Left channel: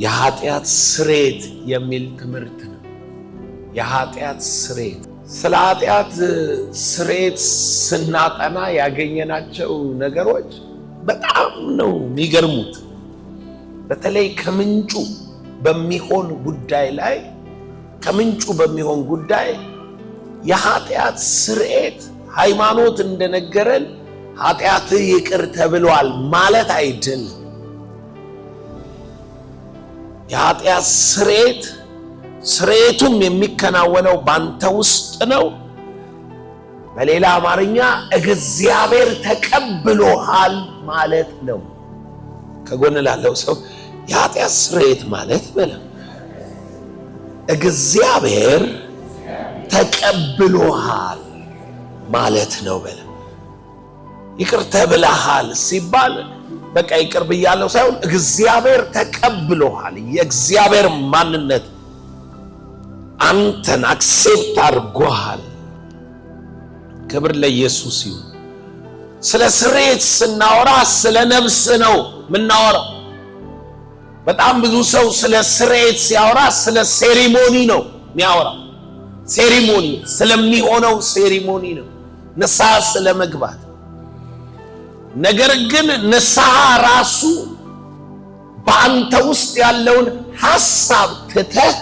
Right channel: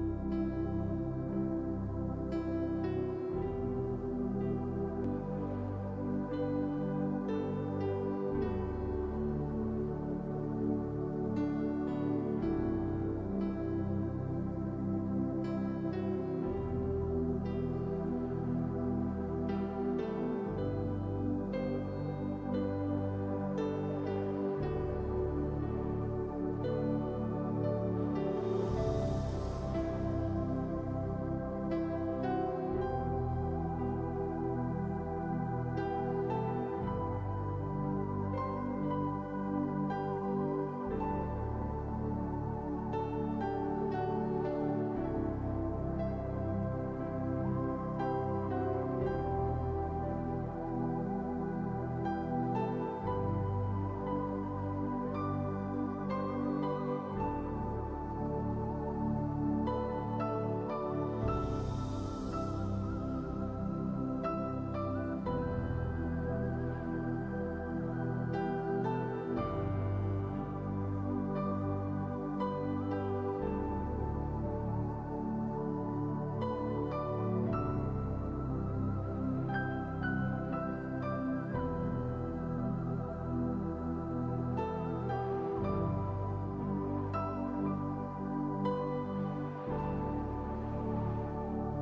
የኃጢአት ስርየት የሚል ትምህርት ነው። የኃጢአት ስርየት። ስለ ኃጢአት ስርየት ስናጠና ያገኘናቸው ነገሮች በጣም ነው የሚገርሙት። በተለይ ከምንጩ በሚሆን ጉዳይ የኃጢአት ስርየት ሃይማኖት እንደነገረን ኃጢአት ይቅር ተብሏል ማለት አይደለም። የኃጢአት ስርየቱም የሚከናወነው ባንተ ውስጥ ነው። በሌላ አማርኛ እግዚአብሔር ተቀብሎሃል ማለት ነው። ከጎን ላለው ሰው የኃጢአት ስርየት ማለት በለው እግዚአብሔር ተቀብሎሃል ማለት ነው በለው። ይቅር ተብለሃል ሲባል በቃ ይቅር ብያለሁ ሳይሆን እግዚአብሔር ተቀብሎሃል። የእግዚአብሔር ማንነት አንተን አክሴፕት አድርጎሃል። ክብር ለኢየሱስ ይሁን። ስለ ስርየት ስናወራ ስለ ነፍስ ነው ምናወራው። በጣም ብዙ ሰው ስለ ስርየት ሲያወራ ስለ ሴሪሞኒ ነው የሚያወራው። ሴሪሞኒ ስለሚሆነው ሴሪሞኒ ነው፣ ንስሐ ስለመግባት። ነገር ግን ንስሐ ራሱ በአንተ ውስጥ ያለውን ሐሳብ ትተህ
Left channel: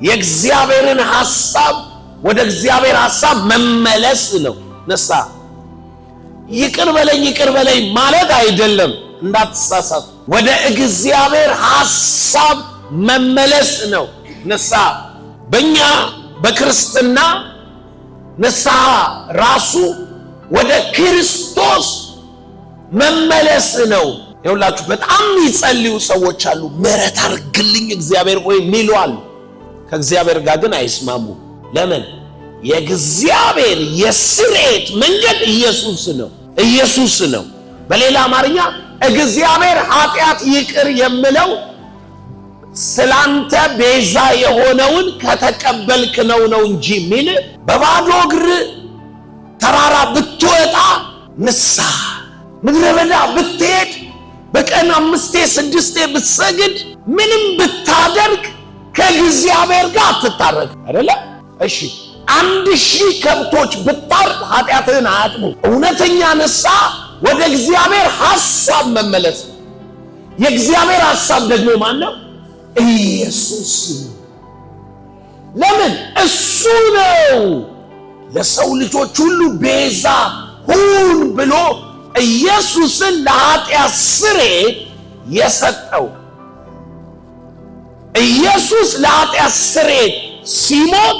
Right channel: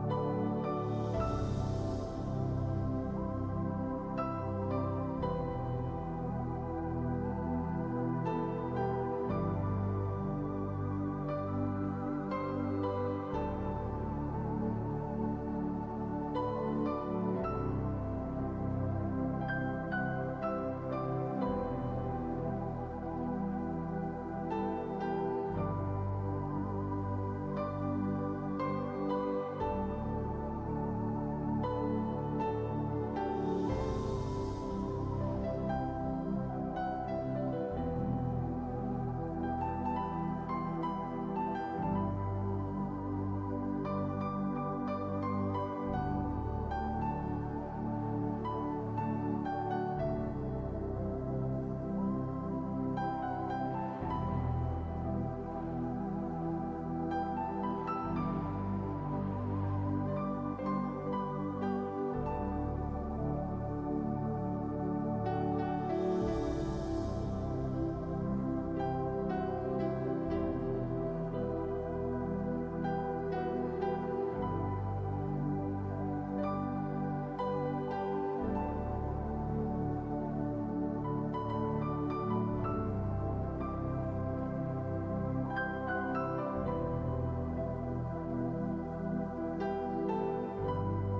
የእግዚአብሔርን ሐሳብ ወደ እግዚአብሔር ሐሳብ መመለስ ነው። ንስሐ ይቅር በለኝ ማለት አይደለም፣ እንዳትሳሳቱ። ወደ እግዚአብሔር ሐሳብ መመለስ ነው ንስሐ። በእኛ በክርስትና ንስሐ ራሱ ወደ ክርስቶስ መመለስ ነው። ይኸውላችሁ በጣም ይጸልዩ ሰዎች አሉ፣ ምህረት አድርግልኝ እግዚአብሔር ሆይ የሚሉ አሉ። ከእግዚአብሔር ጋር ግን አይስማሙ። ለምን? የእግዚአብሔር የስርየት መንገድ ኢየሱስ ነው። በሌላ አማርኛ እግዚአብሔር ኃጢአት ይቅር የሚለው ስላንተ ቤዛ የሆነውን ከተቀበልክ ነው እንጂ የሚል በባዶ እግር ተራራ ብትወጣ ንስሐ፣ ምድረ በዳ ብትሄድ፣ በቀን 5-6 ብትሰግድ፣ ምንም ብታደርግ ከእግዚአብሔር ጋር አትታረቅ አይደለ? እሺ 1000 ከብቶች ብታርድ ኃጢአትህን አያጥቡ። እውነተኛ ንስሐ ወደ እግዚአብሔር ሐሳብ መመለስ። የእግዚአብሔር ሐሳብ ደግሞ ማን ነው? ኢየሱስ ነው። ለምን? እሱ ነው ለሰው ልጆች ሁሉ ቤዛ ሁን ብሎ ኢየሱስን ለኃጢአት ስርየት የሰጠው። ኢየሱስ ለኃጢአት ስርየት ሲሞት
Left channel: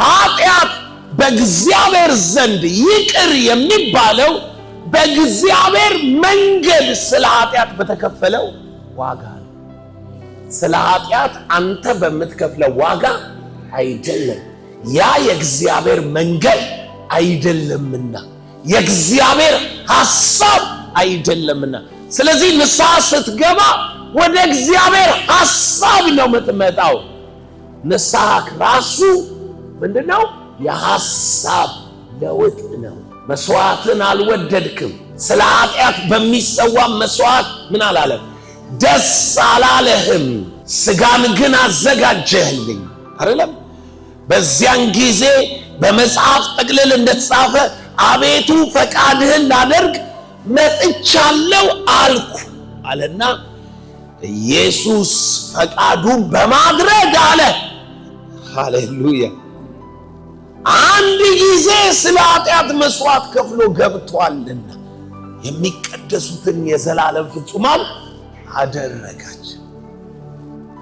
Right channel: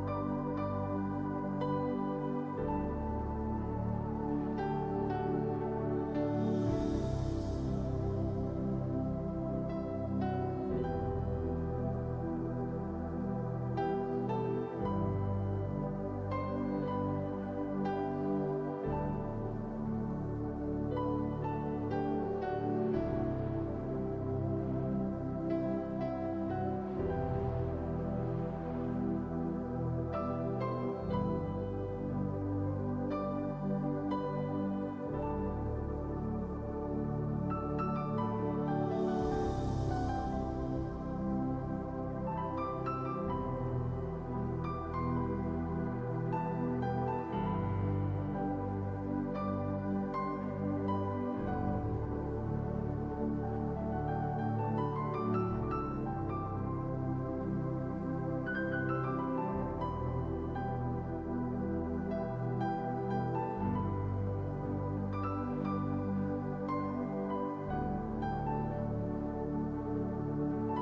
ኃጢአት በእግዚአብሔር ዘንድ ይቅር የሚባለው በእግዚአብሔር መንገድ ስለ ኃጢአት በተከፈለው ዋጋ ነው። ስለ ኃጢአት አንተ በምትከፍለው ዋጋ አይደለም። ያ የእግዚአብሔር መንገድ አይደለምና፣ የእግዚአብሔር ሐሳብ አይደለምና። ስለዚህ ንስሐ ስትገባ ወደ እግዚአብሔር ሐሳብ ነው የምትመጣው። ንስሐ ራሱ ምንድነው? የሐሳብ ለውጥ ነው። መስዋዕትን አልወደድክም። ስለ ኃጢአት በሚሰዋ መስዋዕት ምን አላለም? ደስ አላለህም። ስጋን ግን አዘጋጀህልኝ አይደለም? በዚያን ጊዜ በመጽሐፍ ጥቅልል እንደተጻፈ አቤቱ ፈቃድህን ላደርግ መጥቻለሁ አልኩ አለና ኢየሱስ ፈቃዱን በማድረግ አለ። ሃሌሉያ! አንድ ጊዜ ስለ ኃጢአት መስዋዕት ከፍሎ ገብቷልና የሚቀደሱትን የዘላለም ፍጹማን አደረጋቸው።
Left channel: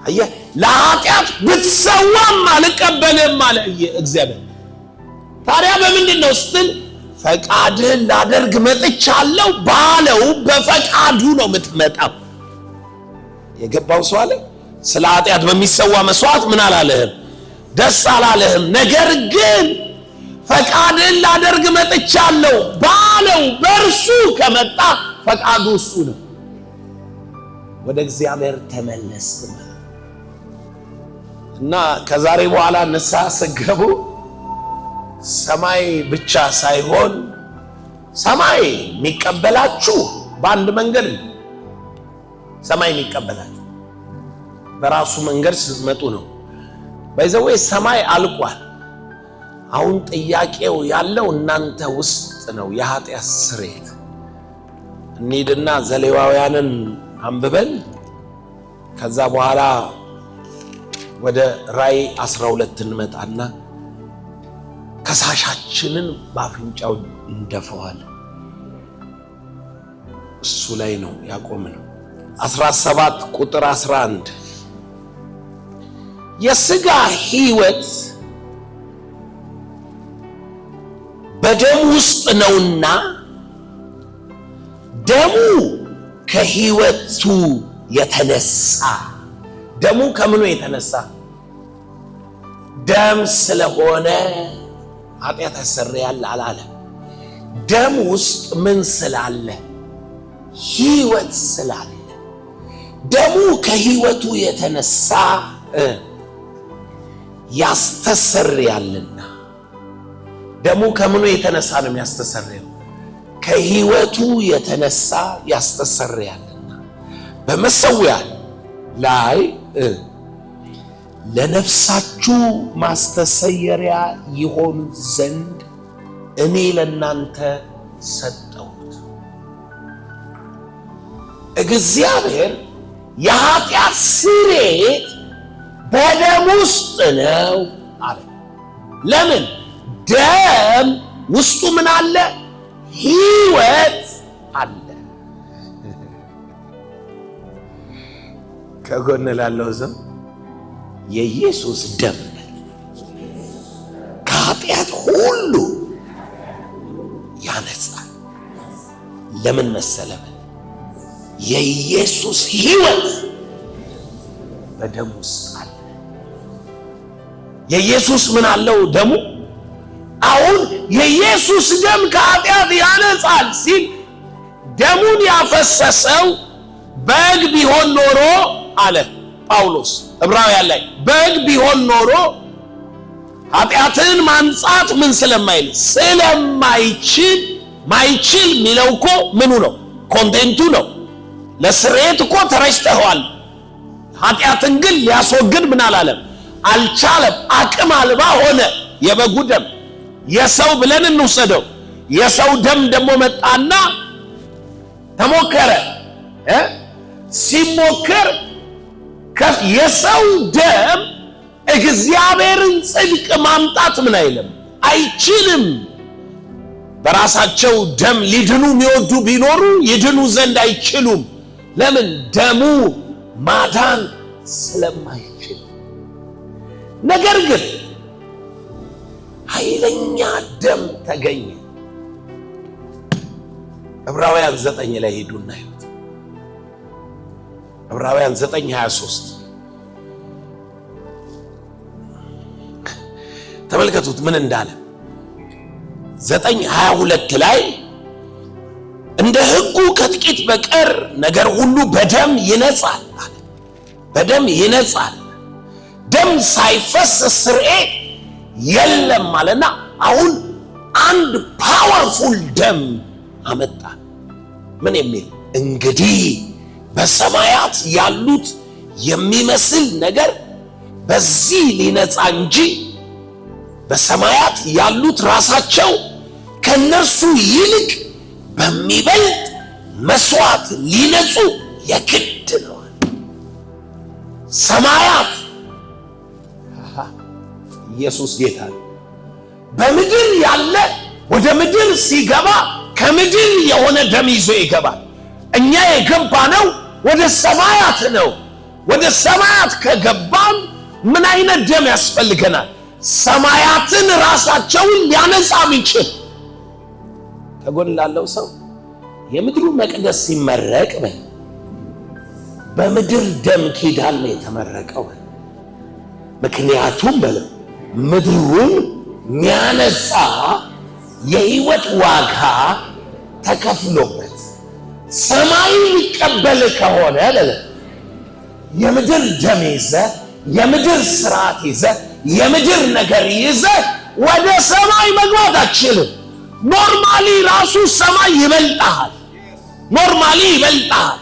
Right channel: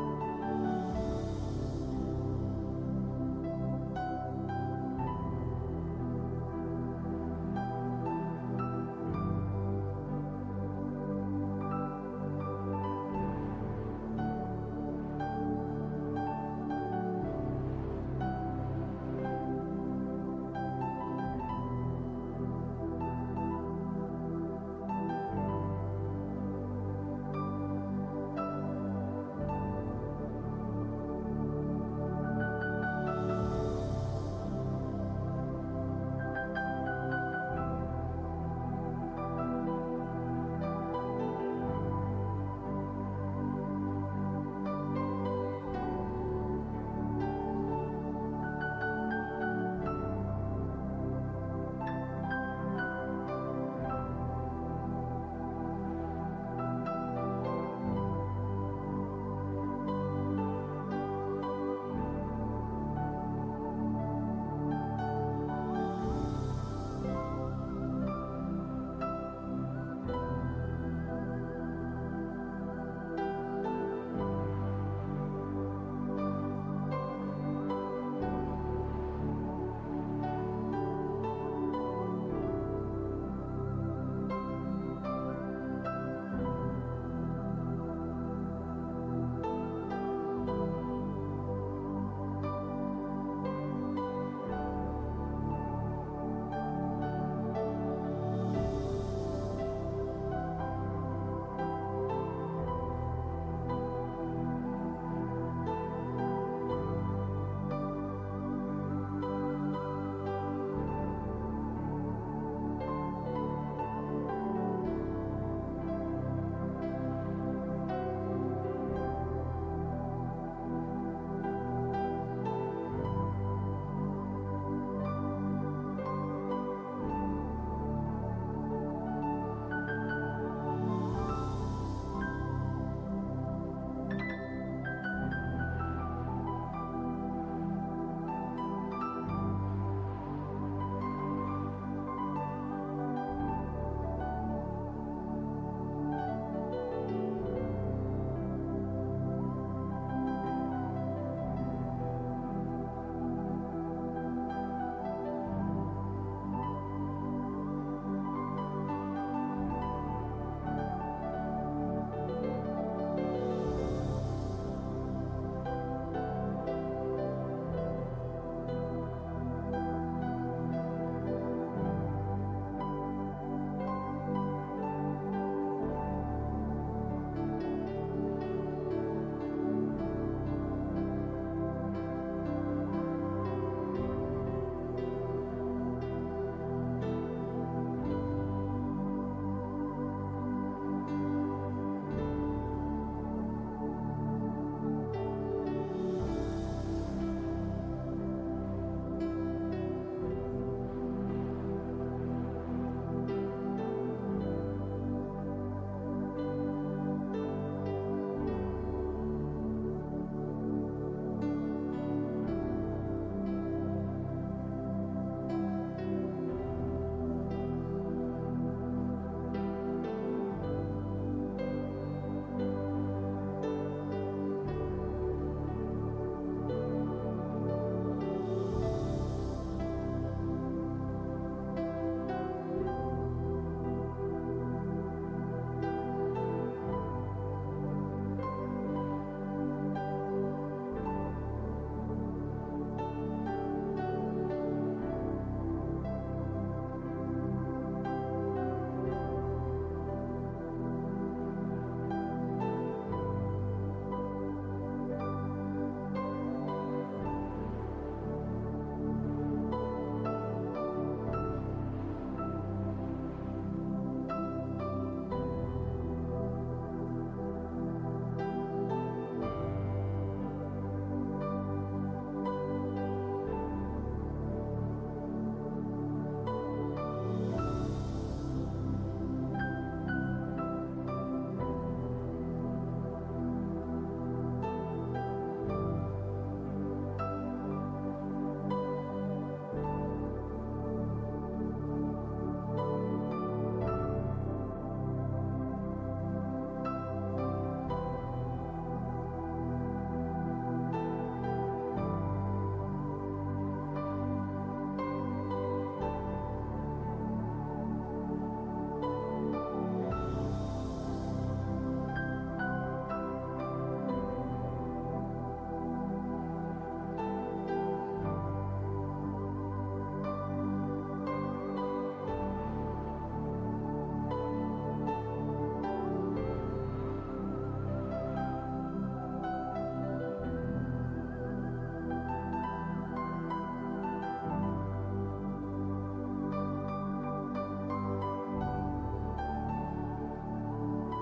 አየህ፣ ለኃጢአት ብትሰዋም አልቀበልም አለ እግዚአብሔር። ታዲያ በምንድን ነው ስትል ፈቃድህን ላደርግ መጥቻለሁ ባለው በፈቃዱ ነው የምትመጣው። የገባው ሰው አለ። ስለ ኃጢአት በሚሰዋ መስዋዕት ምን አላለህም? ደስ አላለህም። ነገር ግን ፈቃድህን ላደርግ መጥቻለሁ ባለው በእርሱ ከመጣ ፈቃዱ እሱ ነው። ወደ እግዚአብሔር ተመለስ እና ከዛሬ በኋላ ንስሐ ስትገቡ ሰማይ ብቻ ሳይሆን ሰማይ የሚቀበላችሁ በአንድ መንገድ ነው። ሰማይ የሚቀበላችሁ በራሱ መንገድ ስትመጡ ነው። በዛው ሰማይ አልቋል። አሁን ጥያቄው ያለው እናንተ ውስጥ ነው። የኃጢአት ስርየት እንሂድና ዘሌዋውያንን አንብበን ከዛ በኋላ ወደ ራእይ 12 እንመጣና ከሳሻችንን ባፍንጫው እንደፈዋል። እሱ ላይ ነው ያቆምነው። 17 ቁጥር 11 የሥጋ ሕይወት በደም ውስጥ ነውና ደሙ ከሕይወቱ የተነሳ ደሙ ከምኑ የተነሳ ደም ስለሆነ ኃጢአት ያሰረያል አላለ። ደም ውስጥ ምን ስላለ? ሕይወት ስላለ ደሙ ከሕይወቱ የተነሳ ያስተሰርያልና። ደሙ ከምኑ የተነሳ ነው የሚያስተሰርየው? ከሕይወቱ የተነሳ ያስተሰርያልና በመሠዊያ ላይ ለነፍሳችሁ ማስተሰየሪያ ይሆን ዘንድ እኔ ለእናንተ ሰጠሁት። እግዚአብሔር የኃጢአት ስርየት በደም ውስጥ ነው አለ። ለምን? ደም ውስጡ ምን አለ? ሕይወት አለ። ከጎን ላለው ሰው የኢየሱስ ደም ከኃጢአት ሁሉ ያነጻል። ለምን መሰለህ? የኢየሱስ ሕይወት በደም ውስጥ አለ። የኢየሱስ ምን አለው? ደሙ። አሁን የኢየሱስ ደም ከኃጢአት ያነጻል ሲል ደሙን ያፈሰሰው በግ ቢሆን ኖሮ አለ ጳውሎስ ዕብራውያን ላይ፣ በግ ቢሆን ኖሮ ኃጢአትን ማንጻት ምን ስለማይል ስለማይችል፣ ማይችል የሚለው እኮ ምኑ ነው? ኮንቴንቱ ነው። ለስርየት እኮ ተረጭተዋል። ኃጢአትን ግን ሊያስወግድ ምን አላለም? አልቻለም። አቅም አልባ ሆነ። የበጉ ደም የሰው ብለን እንውሰደው። የሰው ደም ደግሞ መጣና ተሞከረ። ሲሞከር የሰው ደም እግዚአብሔርን ጽድቅ ማምጣት ምን አይልም? አይችልም። በራሳቸው ደም ሊድኑ የሚወዱ ቢኖሩ ይድኑ ዘንድ አይችሉም። ለምን? ደሙ ማዳን ስለማይችል። ነገር ግን ኃይለኛ ደም ተገኘ። ዕብራውያን 9 ላይ ሄዱና ይሁት ዕብራውያን 9:23 ተመልከቱት ምን እንዳለ። 9:22 ላይ እንደ ሕጉ ከጥቂት በቀር ነገር ሁሉ በደም ይነጻል አለ። በደም ይነጻል። ደም ሳይፈስ ስርየት የለም ማለትና አሁን አንድ ፓወርፉል ደም አመጣ። ምን የሚል? እንግዲህ በሰማያት ያሉት የሚመስል ነገር በዚህ ሊነጻ እንጂ በሰማያት ያሉት ራሳቸው ከነርሱ ይልቅ በሚበልጥ መስዋዕት ሊነጹ የግድ ነው። ሰማያት ኢየሱስ ጌታ ነው። በምድር ያለ ወደ ምድር ሲገባ ከምድር የሆነ ደም ይዞ ይገባል። እኛ የገባነው ወደ ሰማያት ነው። ወደ ሰማያት ከገባን ምን አይነት ደም ያስፈልገናል? ሰማያትን ራሳቸውን ሊያነጻ የሚችል። ከጎን ላለው ሰው የምድሩ መቅደስ ሲመረቅ በምድር ደም ኪዳን ነው የተመረቀው። ምክንያቱም ምድሩን ሚያነጻ የሕይወት ዋጋ ተከፍሎበት ሰማይ ሊቀበል ከሆነ የምድር ደም ይዘ የምድር ስርዓት ይዘ የምድር ነገር ይዘ ወደ ሰማይ መግባት አትችልም። ኖርማሊ ራሱ ሰማይ ይበልጣል። ኖርማሊ ይበልጣል።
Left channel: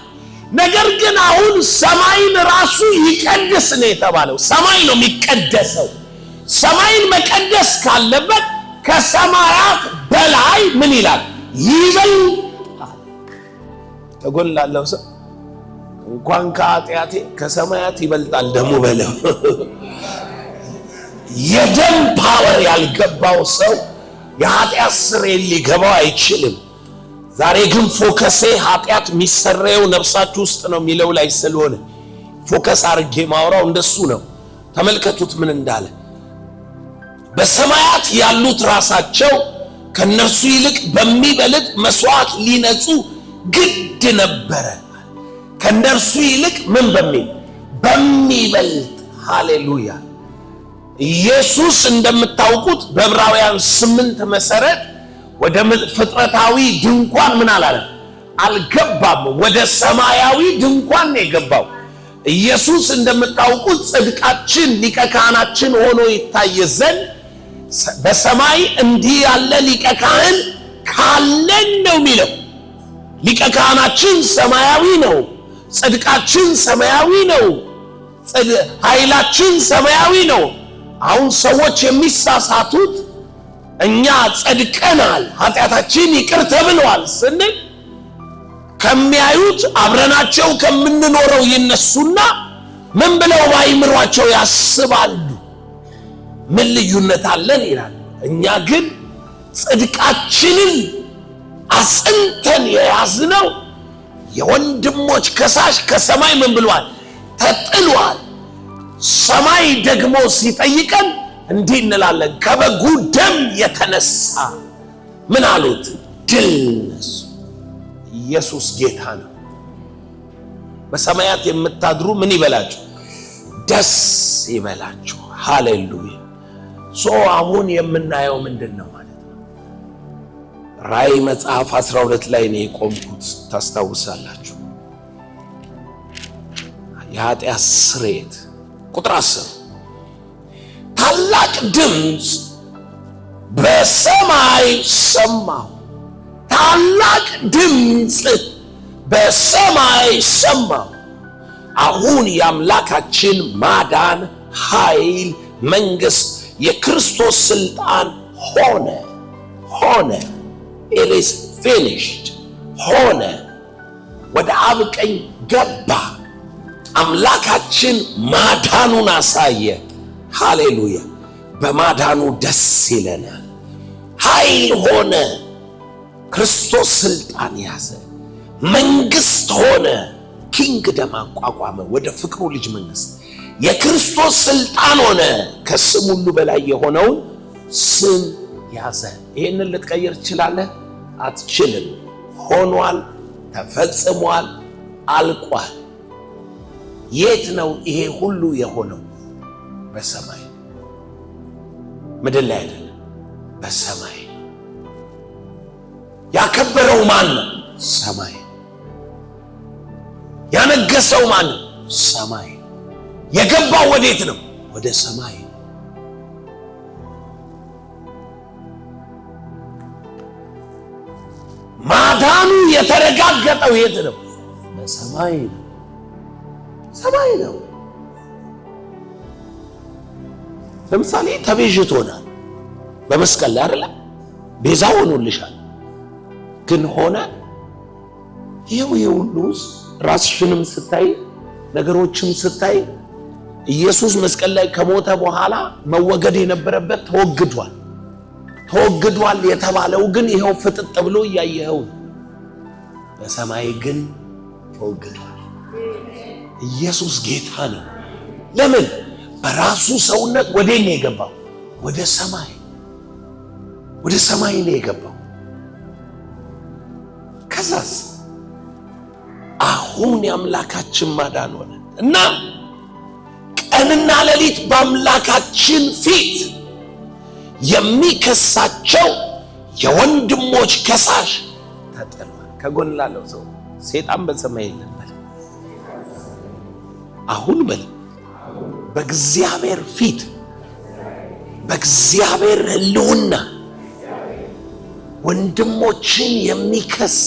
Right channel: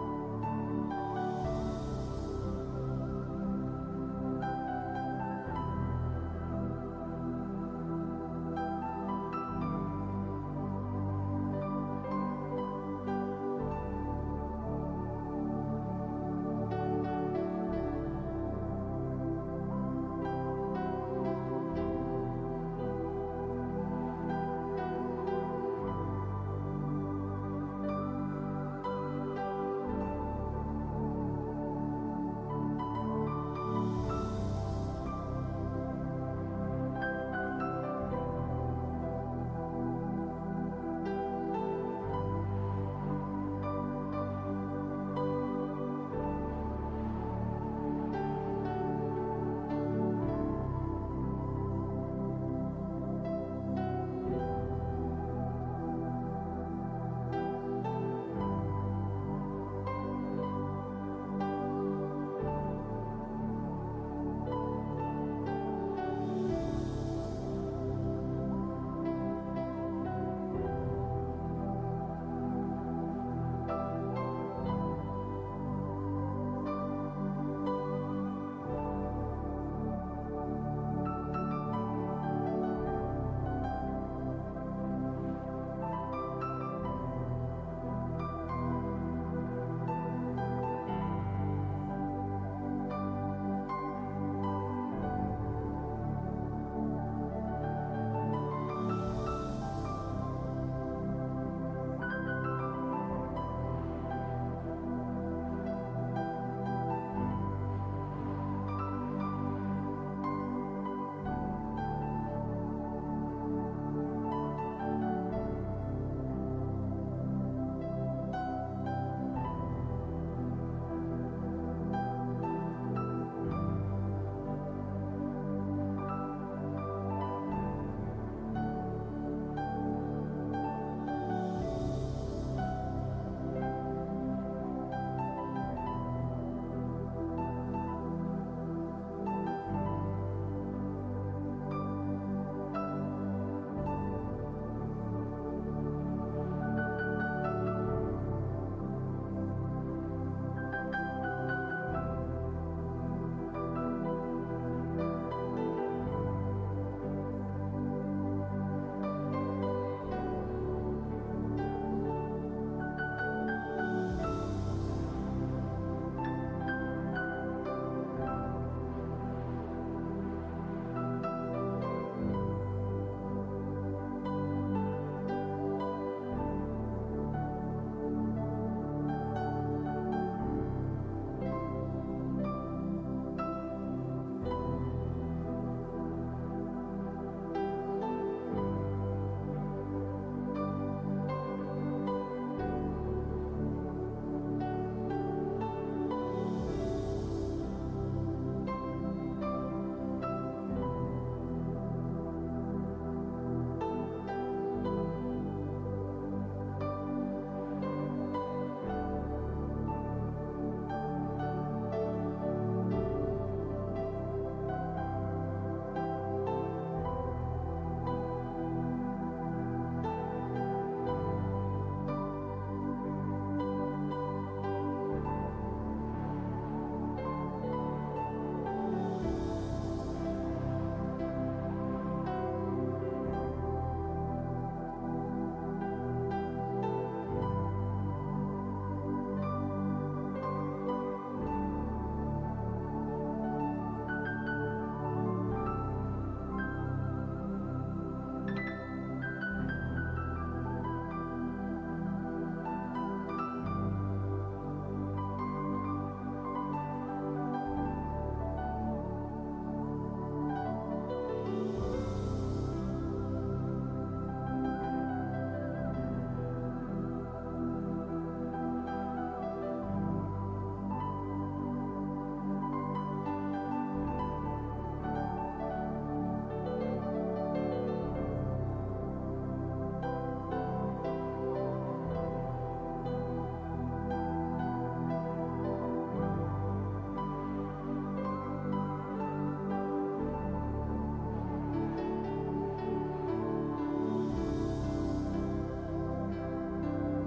ነገር ግን አሁን ሰማይን ራሱ ይቀድስ ነው የተባለው። ሰማይ ነው የሚቀደሰው። ሰማይን መቀደስ ካለበት ከሰማያት በላይ ምን ይላል? ይበልጣል። ተጎላለው ሰው እንኳን ከኃጢአቴ ከሰማያት ይበልጣል ደሙ በለው። የደም ፓወር ያልገባው ሰው የኃጢአት ስርየት ሊገባው አይችልም። ዛሬ ግን ፎከሴ ኃጢአት የሚሰረየው ነፍሳችሁ ውስጥ ነው የሚለው ላይ ስለሆነ ፎከስ አድርጌ ማውራው እንደሱ ነው። ተመልከቱት ምን እንዳለ። በሰማያት ያሉት ራሳቸው ከነርሱ ይልቅ በሚበልጥ መስዋዕት ሊነጹ ግድ ነበረ። ከነርሱ ይልቅ ምን በሚበልጥ ሃሌሉያ። ኢየሱስ እንደምታውቁት በዕብራውያን 8 መሰረት ወደ ፍጥረታዊ ድንኳን ምን አልገባም። ወደ ሰማያዊ ድንኳን ነው የገባው። ኢየሱስ እንደምታውቁት ጽድቃችን ሊቀ ካህናችን ሆኖ ይታይ ዘንድ በሰማይ እንዲህ ያለ ሊቀ ካህን ካለን ነው የሚለው። ሊቀ ካህናችን ሰማያዊ ነው። ጽድቃችን ሰማያዊ ነው። ኃይላችን ሰማያዊ ነው። አሁን ሰዎች የሚሳሳቱት እኛ ጸድቀናል፣ ኃጢአታችን ይቅር ተብሏል ስንል ከሚያዩት አብረናቸው ከምንኖረው ይነሱና ምን ብለው ባይምሯቸው ያስባሉ? ምን ልዩነት አለን ይላል። እኛ ግን ጽድቃችንን አጽንተን የያዝነው የወንድሞች ከሳሽ ከሰማይ ምን ብሏል? ተጥሏል። ሰማይ ደግሞ ሲጠይቀን እንዲህ እንላለን፣ ከበጉ ደም የተነሳ ምን አሉት? ድል ነሱ። ኢየሱስ ጌታ ነው። በሰማያት የምታድሩ ምን ይበላችሁ? ደስ ይበላችሁ። ሃሌሉያ። አሁን የምናየው ምንድን ነው ማለት ነው? ራእይ መጽሐፍ 12 ላይ ነው የቆምኩት። ታስታውሳላችሁ? የኃጢአት ስርየት ቁጥር 10 ታላቅ ድምፅ በሰማይ ሰማሁ። ታላቅ ድምፅ በሰማይ ሰማሁ። አሁን የአምላካችን ማዳን፣ ኃይል፣ መንግሥት፣ የክርስቶስ ስልጣን ሆነ it is finished ሆነ። ወደ አብ ቀኝ ገባ። አምላካችን ማዳኑን አሳየ። ሃሌሉያ። በማዳኑ ደስ ይለናል። ኃይል ሆነ። ክርስቶስ ስልጣን ያዘ። መንግሥት ሆነ። ኪንግደም አቋቋመ። ወደ ፍቅሩ ልጅ መንግሥት የክርስቶስ ስልጣን ሆነ። ከስም ሁሉ በላይ የሆነውን ስም ያዘ። ይህንን ልትቀይር ትችላለህ? አትችልም። ሆኗል፣ ተፈጽሟል፣ አልቋል። የት ነው ይሄ ሁሉ የሆነው? በሰማይ። ምድር ላይ አይደለም፣ በሰማይ። ያከበረው ማን ነው? ሰማይ። ያነገሰው ማን ነው? ሰማይ። የገባው ወዴት ነው? ወደ ሰማይ። ማዳኑ የተረጋገጠው የት ነው? በሰማይ። ሰማይ ነው። ለምሳሌ ተቤዥቶናል በመስቀል ላይ አይደል? ቤዛ ሆኖልሻል። ግን ሆነ ይሄው ሁሉስ ራስሽንም ስታይ ነገሮችም ስታይ ኢየሱስ መስቀል ላይ ከሞተ በኋላ መወገድ የነበረበት ተወግዷል የተባለው ግን ይሄው ፍጥጥ ብሎ እያየኸው። በሰማይ ግን ተወግዷል። ኢየሱስ ጌታ ነው። ለምን? በራሱ ሰውነት ወዴት ነው የገባው? ወደ ሰማይ ነው የገባው። ከዛስ አሁን የአምላካችን ማዳን ሆነ እና ቀንና ሌሊት በአምላካችን ፊት የሚከሳቸው የወንድሞች ከሳሽ ተጥሏል። ከጎን ላለው ሰው ሰይጣን በሰማይ የለም በል። አሁን በል በእግዚአብሔር ፊት በእግዚአብሔር ሕልውና ወንድሞችን የሚከስ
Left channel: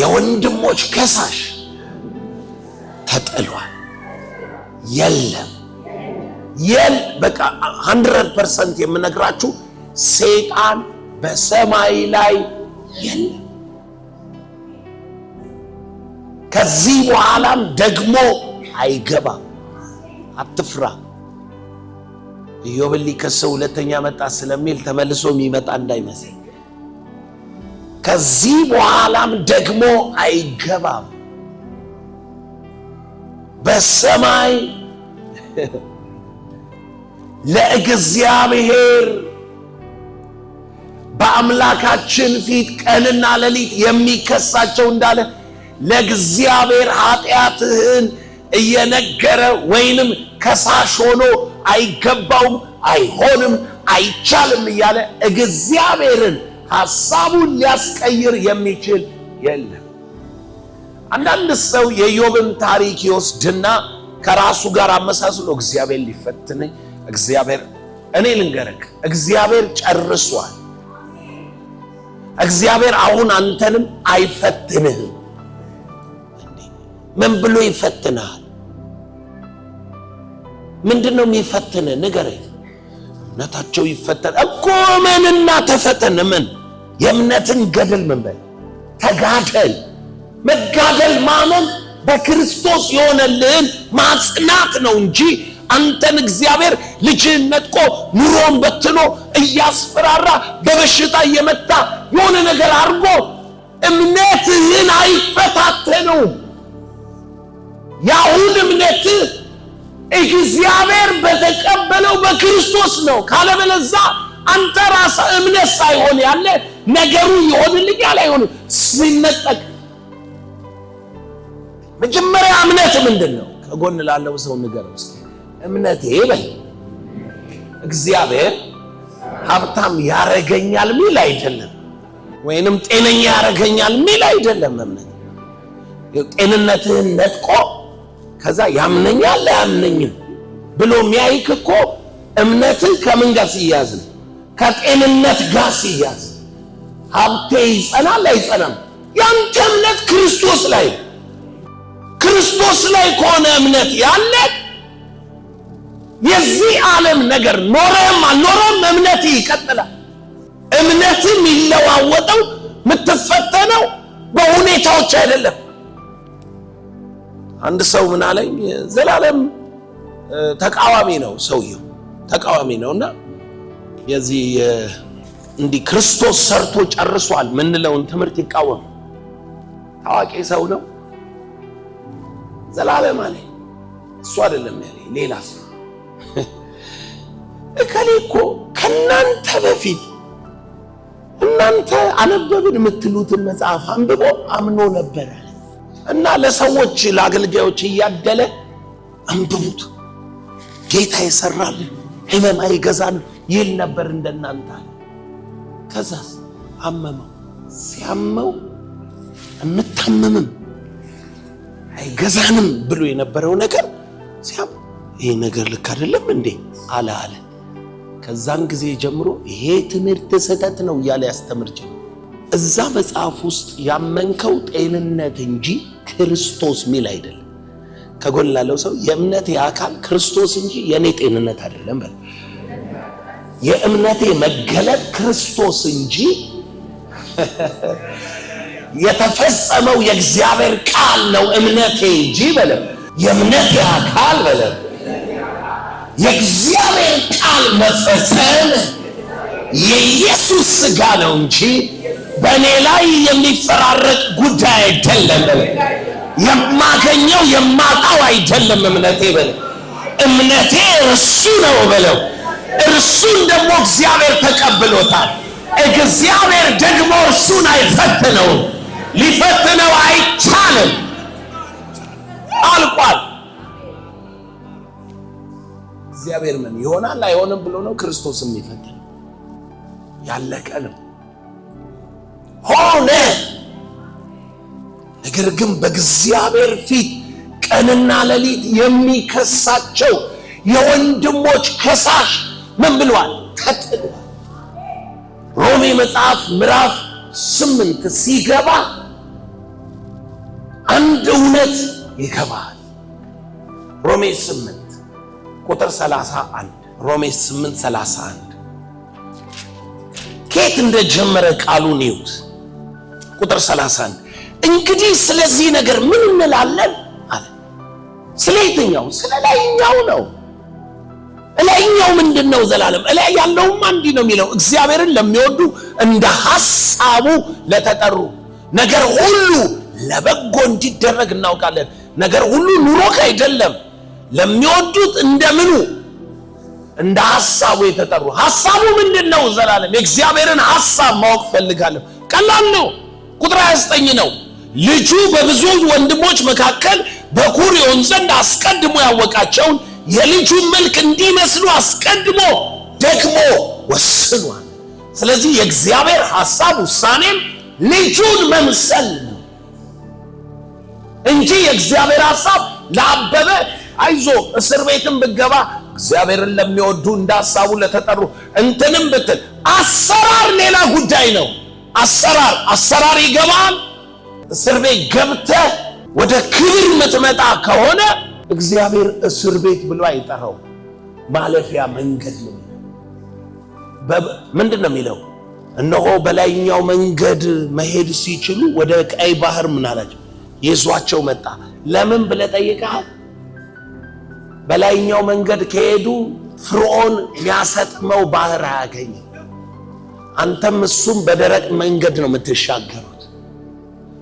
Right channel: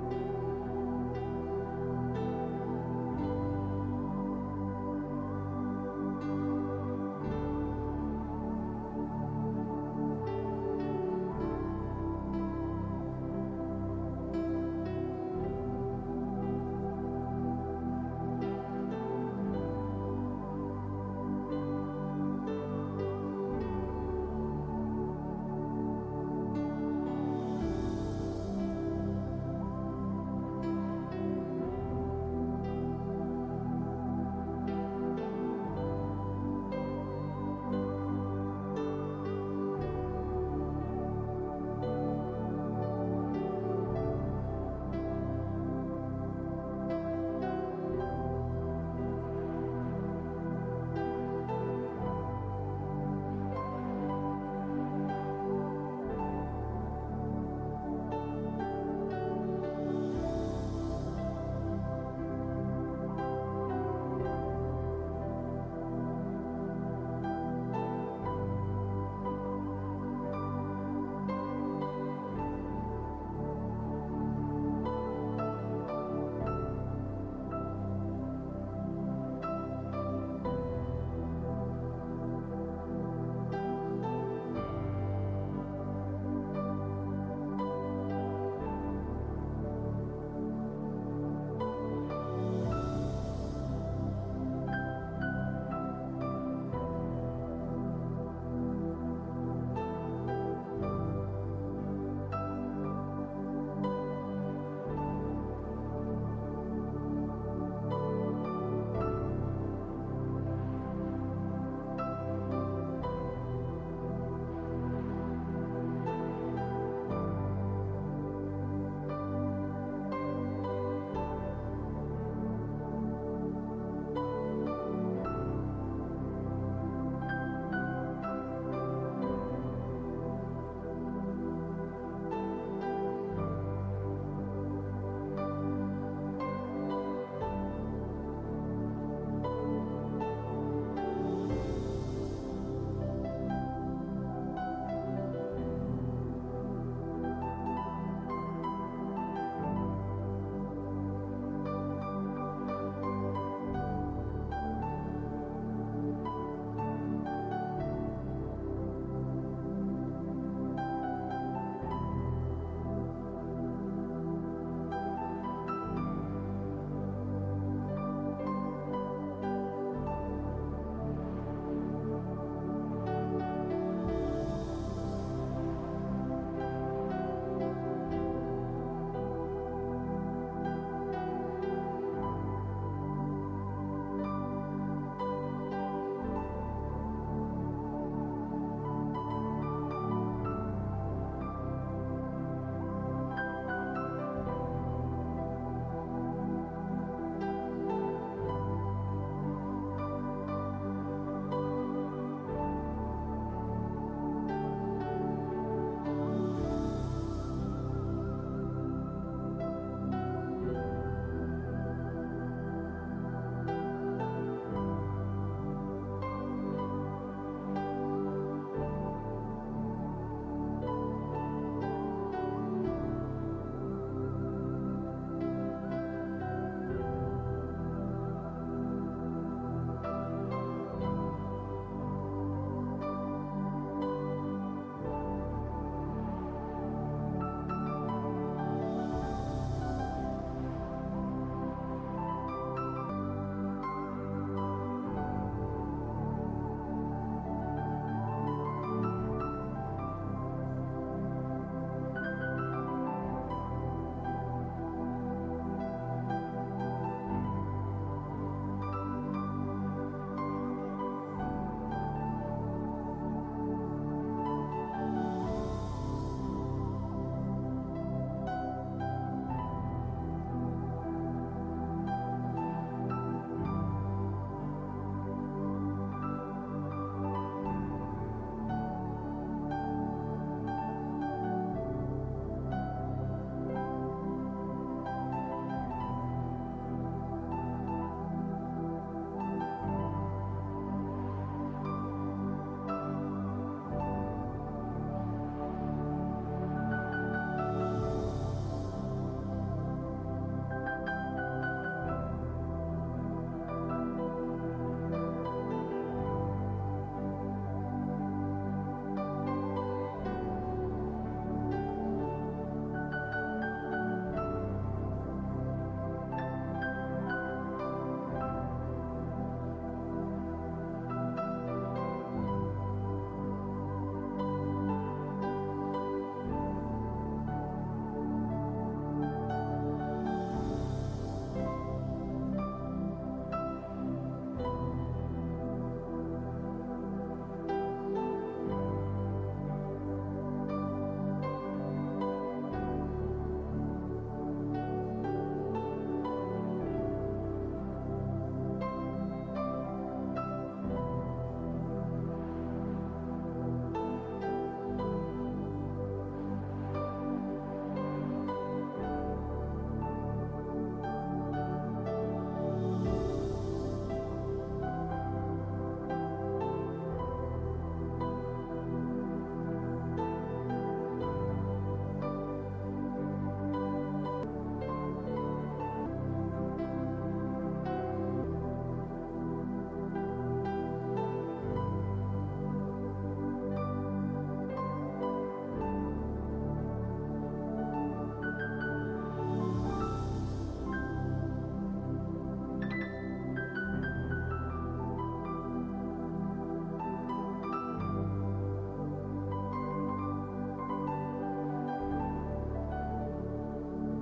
የወንድሞች ከሳሽ ተጥሏል። የለም በቃ 100% የምነግራችሁ ሰይጣን በሰማይ ላይ የለም። ከዚህ በኋላም ደግሞ አይገባም። አትፍራ። ኢዮብ ሊከሰው ሁለተኛ መጣ ስለሚል ተመልሶ የሚመጣ እንዳይመስል። ከዚህ በኋላም ደግሞ አይገባም። በሰማይ ለእግዚአብሔር በአምላካችን ፊት ቀንና ሌሊት የሚከሳቸው እንዳለ ለእግዚአብሔር ኃጢአትህን እየነገረ ወይንም ከሳሽ ሆኖ አይገባውም፣ አይሆንም፣ አይቻልም እያለ እግዚአብሔርን ሐሳቡን ሊያስቀይር የሚችል የለም። አንዳንድ ሰው የኢዮብን ታሪክ ይወስድና ከራሱ ጋር አመሳስሎ እግዚአብሔር ሊፈትነኝ እኔ ልንገርህ፣ እግዚአብሔር ጨርሷል። እግዚአብሔር አሁን አንተንም አይፈትንህም። ምን ብሎ ይፈትናል? ምንድነው የሚፈትንህ? ንገረኝ። እምነታቸው ይፈተን እኮ። ምንና ተፈተን? ምን የእምነትን ገድል ምን በል ተጋደል። መጋደል ማመን በክርስቶስ የሆነልህን ማጽናት ነው እንጂ አንተን እግዚአብሔር ልጅህን ነጥቆ ኑሮን በትኖ እያስፈራራ በበሽታ እየመታ የሆነ ነገር አድርጎ እምነትህን አይፈታተነውም። ያሁን እምነትህ እግዚአብሔር በተቀበለው በክርስቶስ ነው። ካለበለዛ አንተ ራስህ እምነት ሳይሆን ያለ ነገሩ ይሆንልኛል አይሆንም ሲነጠቅ። መጀመሪያ እምነት ምንድነው? ከጎን ላለው ሰው ንገረው እስኪ። እምነቴ በል እግዚአብሔር ሀብታም ያረገኛል ሚል አይደለም፣ ወይንም ጤነኛ ያረገኛል ሚል አይደለም። እምነት ጤንነትህን ነጥቆ ከዛ ያምነኛል አያምነኝም ብሎ የሚያይክ እኮ እምነትህ ከምን ጋር ሲያዝ? ከጤንነት ጋር ሲያዝ። ሀብቴ ይጸናል አይጸናም? ያንተ እምነት ክርስቶስ ላይ ከሆነ እምነት ያለ የዚህ ዓለም ነገር ኖረም አልኖረም እምነት ይቀጥላል። እምነትም ይለዋወጠው የምትፈተነው በሁኔታዎች አይደለም። አንድ ሰው ምን አለኝ፣ ዘላለም ተቃዋሚ ነው፣ ሰውየው ተቃዋሚ ነውና የዚህ እንዲህ ክርስቶስ ሰርቶ ጨርሷል ምንለውን ትምህርት ይቃወም። ታዋቂ ሰው ነው። ዘላለም አለኝ። እሱ አይደለም ያለኝ ሌላ ሰው። እከሌ እኮ ከናንተ በፊት እናንተ አነበብን የምትሉትን መጽሐፍ አንብቦ አምኖ ነበር እና ለሰዎች ለአገልጋዮች እያደለ አንብቡት፣ ጌታ ይሰራልን፣ ህመም አይገዛን ይል ነበር እንደናንተ። ከዛስ አመመው። ሲያመው እንታመምም አይገዛንም ብሎ የነበረው ነገር ሲያም ይሄ ነገር ልክ አይደለም እንዴ አለ። ከዛን ጊዜ ጀምሮ ይሄ ትምህርት ስህተት ነው እያለ ያስተምር ጀመረ። እዛ መጽሐፍ ውስጥ ያመንከው ጤንነት እንጂ ክርስቶስ ሚል አይደለም። ከጎን ላለው ሰው የእምነቴ አካል ክርስቶስ እንጂ የኔ ጤንነት አይደለም በል። የእምነቴ መገለጥ ክርስቶስ እንጂ የተፈጸመው የእግዚአብሔር ቃል ነው እምነቴ እንጂ በለ። የእምነቴ አካል በለ የእግዚአብሔር ቃል መፈጸም የኢየሱስ ሥጋ ነው እንጂ በእኔ ላይ የሚፈራረቅ ጉዳይ አይደለም በለ። የማገኘው የማጣው አይደለም እምነቴ በለ። እምነቴ እርሱ ነው በለው። እርሱን ደግሞ እግዚአብሔር ተቀብሎታል። እግዚአብሔር ደግሞ እርሱን አይፈትነውም፣ ሊፈትነው አይቻልም። አልቋል። እግዚአብሔር ምን ይሆናል አይሆንም ብሎ ነው ክርስቶስ የሚፈትን። ያለቀ ነው ሆነ። ነገር ግን በእግዚአብሔር ፊት ቀንና ሌሊት የሚከሳቸው የወንድሞች ከሳሽ ምን ብሏል? ተጥሏል። ሮሜ መጽሐፍ ምዕራፍ 8 ሲገባ አንድ እውነት ይገባል። ሮሜ 8 ቁጥር 31 ሮሜ 8:31 ከየት እንደጀመረ ቃሉን ይዩት። ቁጥር 31 እንግዲህ ስለዚህ ነገር ምን እንላለን አለ። ስለ የትኛው? ስለ ላይኛው ነው። ላይኛው ምንድነው? ዘላለም ላይ ያለውም አንዲ ነው የሚለው እግዚአብሔርን ለሚወዱ እንደ ሐሳቡ ለተጠሩ ነገር ሁሉ ለበጎ እንዲደረግ እናውቃለን። ነገር ሁሉ ኑሮክ አይደለም፣ ለሚወዱት እንደምኑ እንደ ሐሳቡ የተጠሩ። ሐሳቡ ምንድነው? ዘላለም የእግዚአብሔርን ሐሳብ ማወቅ ፈልጋለሁ። ቀላል ነው። ቁጥር 29 ነው። ልጁ በብዙ ወንድሞች መካከል በኩር ይሆን ዘንድ አስቀድሞ ያወቃቸውን የልጁን መልክ እንዲመስሉ አስቀድሞ ደግሞ ወስኗል። ስለዚህ የእግዚአብሔር ሐሳብ ውሳኔም ልጁን መምሰል ነው እንጂ የእግዚአብሔር ሐሳብ ለአበበ አይዞ እስር ቤትም ብገባ እግዚአብሔርን ለሚወዱ እንደ ሐሳቡ ለተጠሩ እንትንም ብትል አሰራር ሌላ ጉዳይ ነው። አሰራር ይገባል። እስር ቤት ገብተህ ወደ ክብር የምትመጣ ከሆነ እግዚአብሔር እስር ቤት ብሎ አይጠራው፣ ማለፊያ መንገድ ነው። ምንድን ነው የሚለው? እነሆ በላይኛው መንገድ መሄድ ሲችሉ ወደ ቀይ ባህር ምን አላቸው? ይዟቸው መጣ። ለምን ብለህ ጠይቀሃል? በላይኛው መንገድ ከሄዱ ፍርዖን የሚያሰጥመው ባህር አያገኝም። አንተም እሱም በደረቅ መንገድ ነው የምትሻገሩት።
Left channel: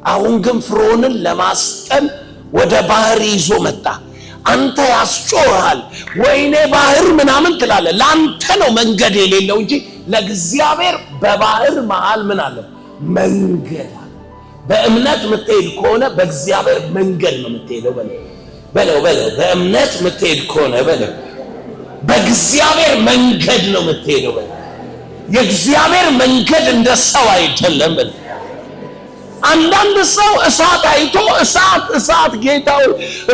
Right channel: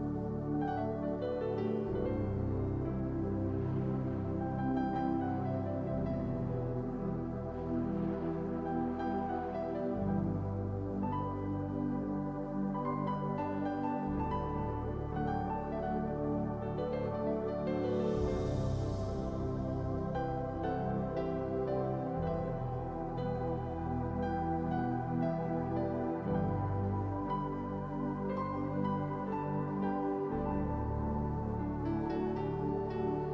አሁን ግን ፍርዖንን ለማስጠም ወደ ባህር ይዞ መጣ። አንተ ያስጮሃል፣ ወይኔ ባህር ምናምን ትላለህ። ለአንተ ነው መንገድ የሌለው እንጂ ለእግዚአብሔር በባህር መሃል ምን አለ? መንገድ አለ። በእምነት የምትሄድ ከሆነ በእግዚአብሔር መንገድ ነው የምትሄደው። በለው በእምነት የምትሄድ ከሆነ በለው በእግዚአብሔር መንገድ ነው የምትሄደው። የእግዚአብሔር መንገድ እንደ ሰው አይደለም። አንዳንድ ሰው እሳት አይቶ እሳት ጌታው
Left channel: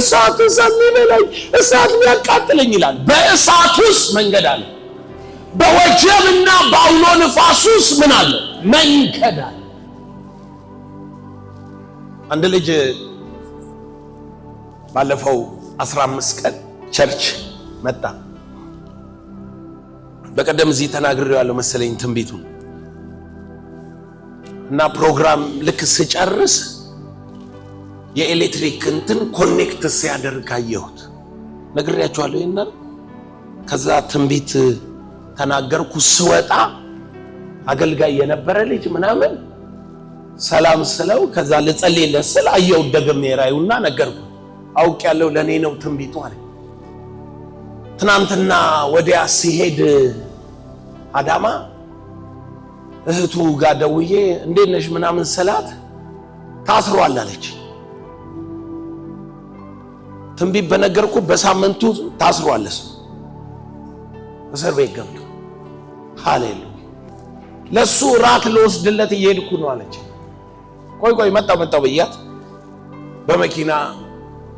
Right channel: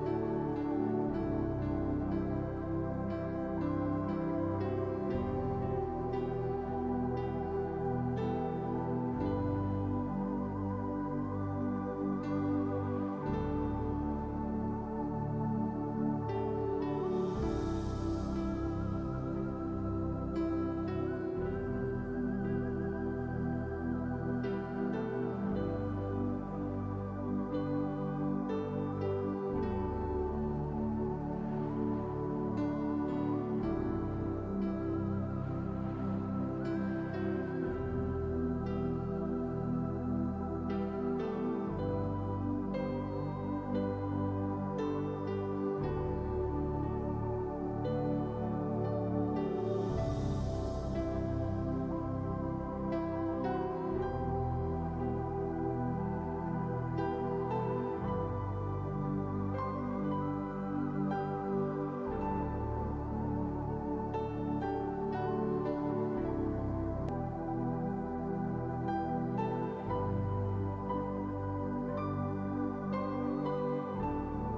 እሳት የሚበላኝ እሳት የሚያቃጥለኝ ይላል። በእሳት ውስጥ መንገድ አለ። በወጀብና በአውሎ ንፋስ ውስጥ ምን አለ? መንገድ አለ። አንድ ልጅ ባለፈው 15 ቀን ቸርች መጣ። በቀደም እዚህ ተናግሬው ያለው መሰለኝ ትንቢቱ እና ፕሮግራም ልክ ስጨርስ የኤሌክትሪክ እንትን ኮኔክት ሲያደርግ አየሁት። ነግሬያችኋለሁ ይሄን። ከዛ ትንቢት ተናገርኩ። ስወጣ አገልጋይ የነበረ ልጅ ምናምን ሰላም ስለው ከዛ ልጸልይለት ስል አየሁ ደግሜ ራዩና ነገርኩ። አውቄያለሁ ለኔ ነው ትንቢቱ አለ። ትናንትና ወዲያ ሲሄድ አዳማ እህቱ ጋር ደውዬ እንዴት ነሽ ምናምን ስላት ታስሯል አለች። ትንቢት በነገርኩ በሳምንቱ ታስሯል። እስር ቤት ገብቶ ሃሌሉያ። ለሱ ራት ልወስድለት እየሄድኩ ነው አለች። ቆይ መጣው ብያት በመኪና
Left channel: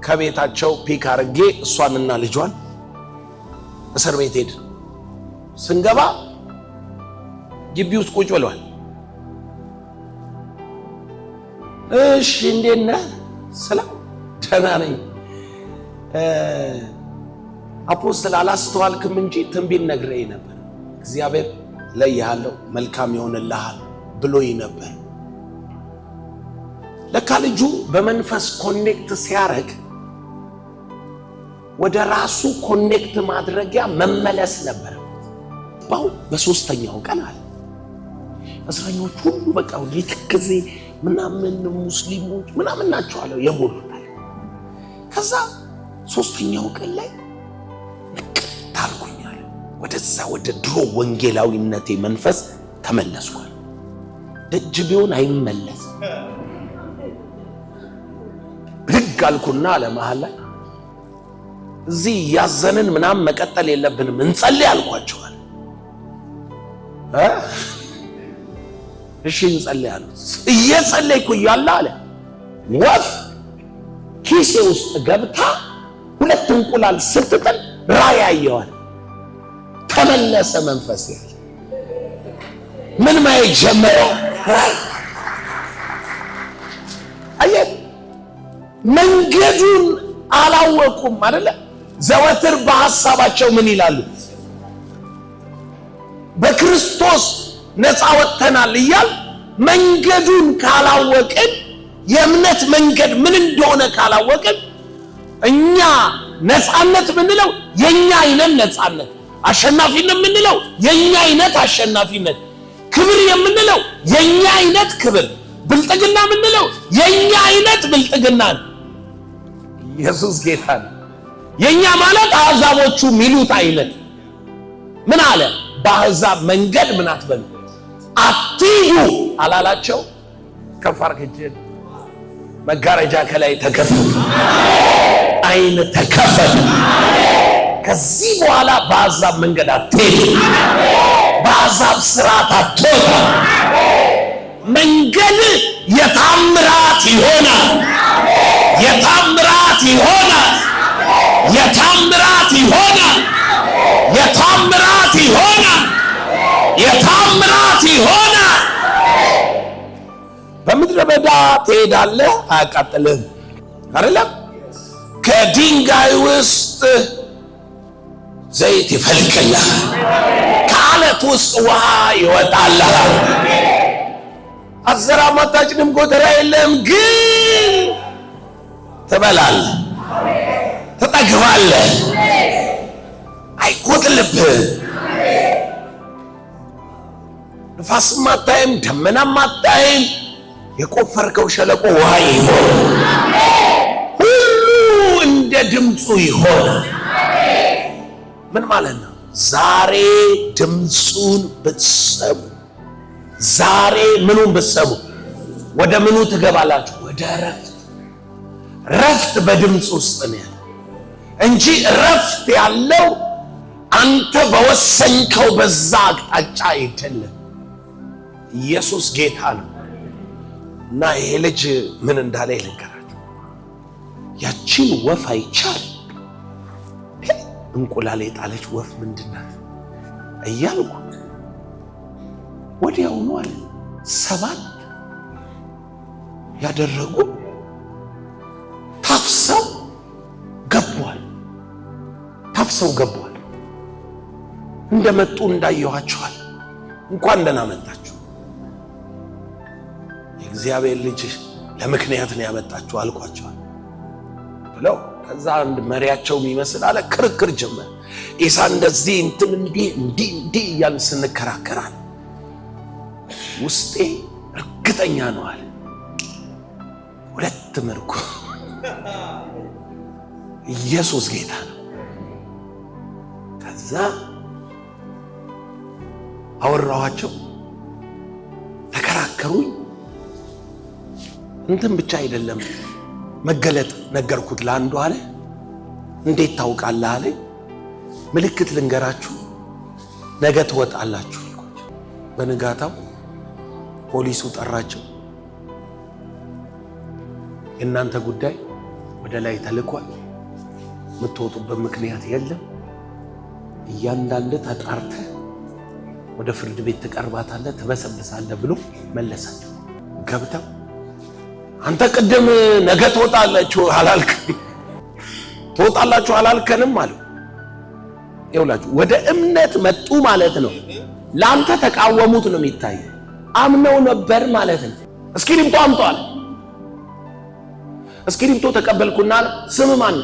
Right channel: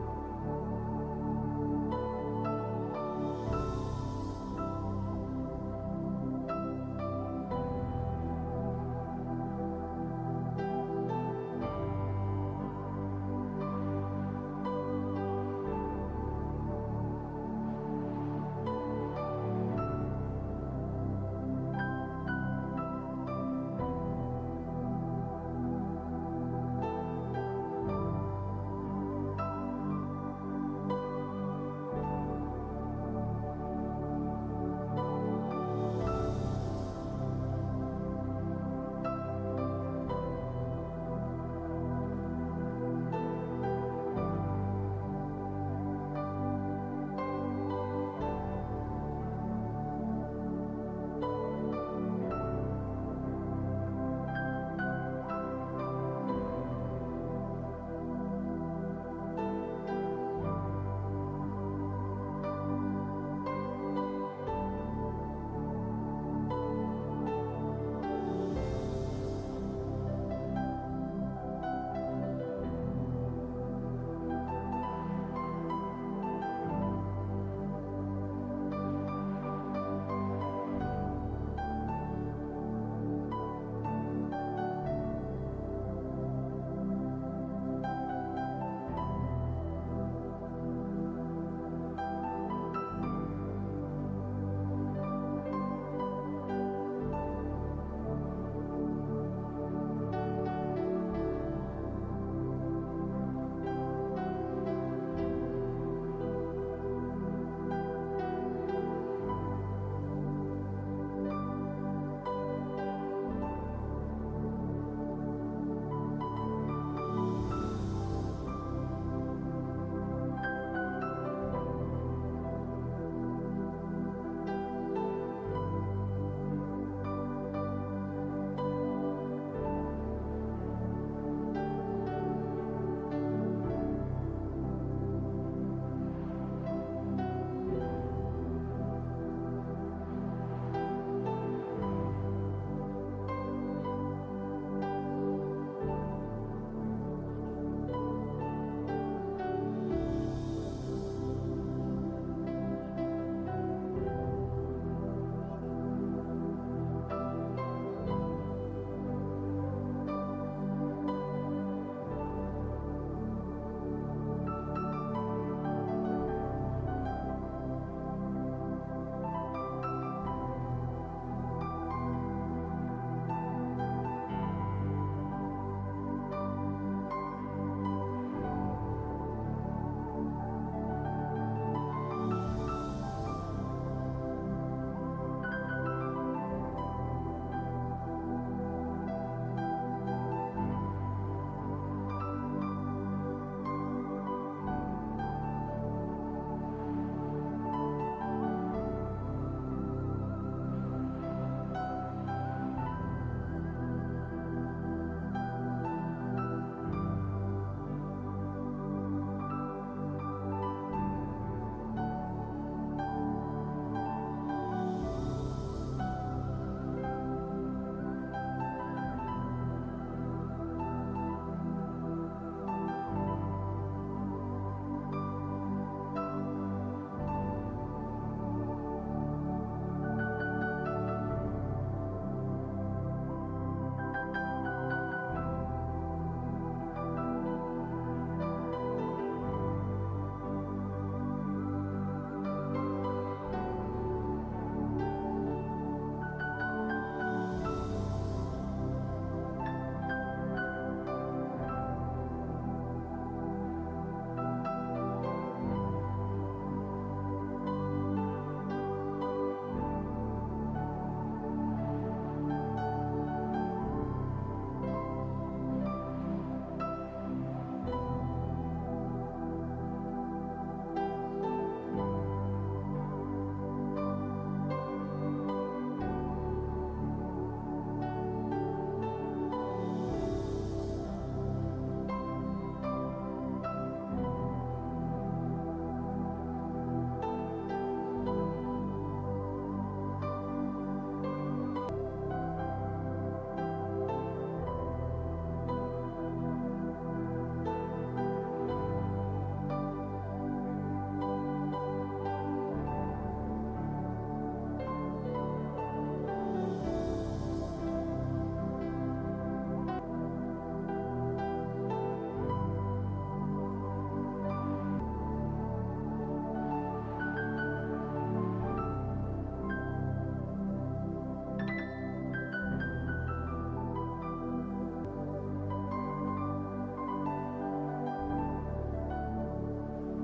ከቤታቸው ፒክ አርጌ እሷንና ልጇን እስር ቤት ሄድ። ስንገባ ግቢ ውስጥ ቁጭ ብለዋል። እሺ እንዴት ነህ ስለው ደህና ነኝ አፖስትል አላስተዋልክም እንጂ ትንቢት ነግሬህ ነበር፣ እግዚአብሔር ለይሃለሁ መልካም ይሆንልሃል ብሎኝ ነበር። ለካ ልጁ በመንፈስ ኮኔክት ሲያረግ ወደ ራሱ ኮኔክት ማድረጊያ መመለስ ነበር። በሶስተኛው ቀን አለ እስረኞች ሁሉ በቃ ሊተከዜ ምናምን ሙስሊሞች ምናምን ናቸው አለ የሞሉት። ከዛ ሶስተኛው ቀን ላይ ታርኩኛል ወደዛ ወደ ድሮ ወንጌላዊነቴ መንፈስ ተመለስኳል። ደጅ ቢሆን አይመለስ ብድግ አልኩና ለመሃል ላይ እዚህ ያዘንን ምናምን መቀጠል የለብንም እንጸልይ አልኳቸዋል። እሺ እንጸልይ አሉ። እየጸለይኩ እያለ አለ ወፍ ኪሴ ውስጥ ገብታ 2 እንቁላል ስትጥል ራእይ አየዋል። ተመለሰ መንፈስ። ምን ማየት ጀመረ? አየህ መንገዱን አላወቁም አይደለ? ዘወትር በሐሳባቸው ምን ይላሉ? በክርስቶስ ነፃ ወጥተናል እያል መንገዱን ካላወቅን፣ የእምነት መንገድ ምን እንደሆነ ካላወቅን፣ እኛ ነፃነት ምንለው የኛ አይነት ነፃነት፣ አሸናፊነት ምንለው የኛ አይነት አሸናፊነት፣ ክብር የምንለው የኛ አይነት ክብር፣ ብልጥግና ምንለው የኛ አይነት ብልጥግና ነው። ኢየሱስ ጌታ ነው። የኛ ማለት አሕዛቦቹ ሚሉት አይነት ምን አለ? በአሕዛብ መንገድ ምን አትበሉ አትሂዱ አላላቸው? ከፍ አድርገን መጋረጃ ከላይ ተከፈተ፣ አይን ተከፈተ። ከዚህ በኋላ በአሕዛብ መንገድ አትሄዱ፣ በአሕዛብ ስርዓት አትወጣ። መንገድ የታምራት ይሆናል፣ የታምራት ይሆናል፣ የታምራት ይሆናል፣ የታምራት ይሆናል፣ የታምራት ይሆናል። በምድረ በዳ ትሄዳለህ፣ አያቃጥልህም አይደለም? ከድንጋይ ውስጥ ዘይት ይፈልቅልሃል፣ ከአለት ውስጥ ውሃ ይወጣልሃል። አትዘራም፣ አታጭድም፣ ጎተራ የለም፣ ግን ትበላለህ፣ ትጠግባለህ፣ አይጎድልብህም። ንፋስም አታይም፣ ደመናም አታይም። የቆፈርከው ሸለቆ ውሃ ይሆናል፣ ሁሉ እንደ ድምፁ ይሆናል። ምን ማለት ነው? ዛሬ ድምፁን ብትሰሙ፣ ዛሬ ምኑን ብትሰሙ ወደ ምኑ ትገባላችሁ? ወደ ረፍት። ረፍት በድምፅ ውስጥ ነው ያለው እንጂ ረፍት ያለው አንተ በወሰንከው በዛ አቅጣጫ አይደለም። ኢየሱስ ጌታ ነው። እና ይሄ ልጅ ምን እንዳለ ይልንገራችሁ። ያቺን ወፍ አይቻል እንቁላል የጣለች ወፍ ምንድናት እያልኩ ወዲያውኑ አለ 7 ያደረጉ ታፍሰው ገቧል። እንደመጡ እንዳየኋቸዋል። እንኳን ደህና መጣችሁ፣ የእግዚአብሔር ልጅ ለምክንያት ነው ያመጣችሁ አልኳቸዋል ብለው ከዛ አንድ መሪያቸው የሚመስል አለ ክርክር ጀመረ። ኢሳ እንደዚህ እንትን እንዲህ እያልን ስንከራከራል ውስጤ እርግጠኛ ነው አለ 2 ምርኮ። ኢየሱስ ጌታ ነው። ከዛ አወራኋቸው፣ ተከራከሩኝ። እንትን ብቻ አይደለም መገለጥ ነገርኩት ለአንዱ አለ። እንዴት ታውቃለህ አለ። ምልክት ልንገራችሁ፣ ነገ ትወጣላችሁ። በንጋታው ፖሊሱ ጠራቸው። የእናንተ ጉዳይ ወደ ላይ ተልኳል፣ የምትወጡበት ምክንያት የለም፣ እያንዳንዱ ተጣርተህ ወደ ፍርድ ቤት ትቀርባታለህ፣ ትበሰብሳለህ ብሎ መለሳቸው። ገብተው አንተ ቅድም ነገ ትወጣላችሁ አላልከንም አለው። ይኸውላችሁ ወደ እምነት መጡ ማለት ነው። ለአንተ ተቃወሙት ነው የሚታየው። አምነው ነበር ማለት ነው። እስክሪብቶ አምጧል። እስክሪብቶ ተቀበልኩና ስም ማን?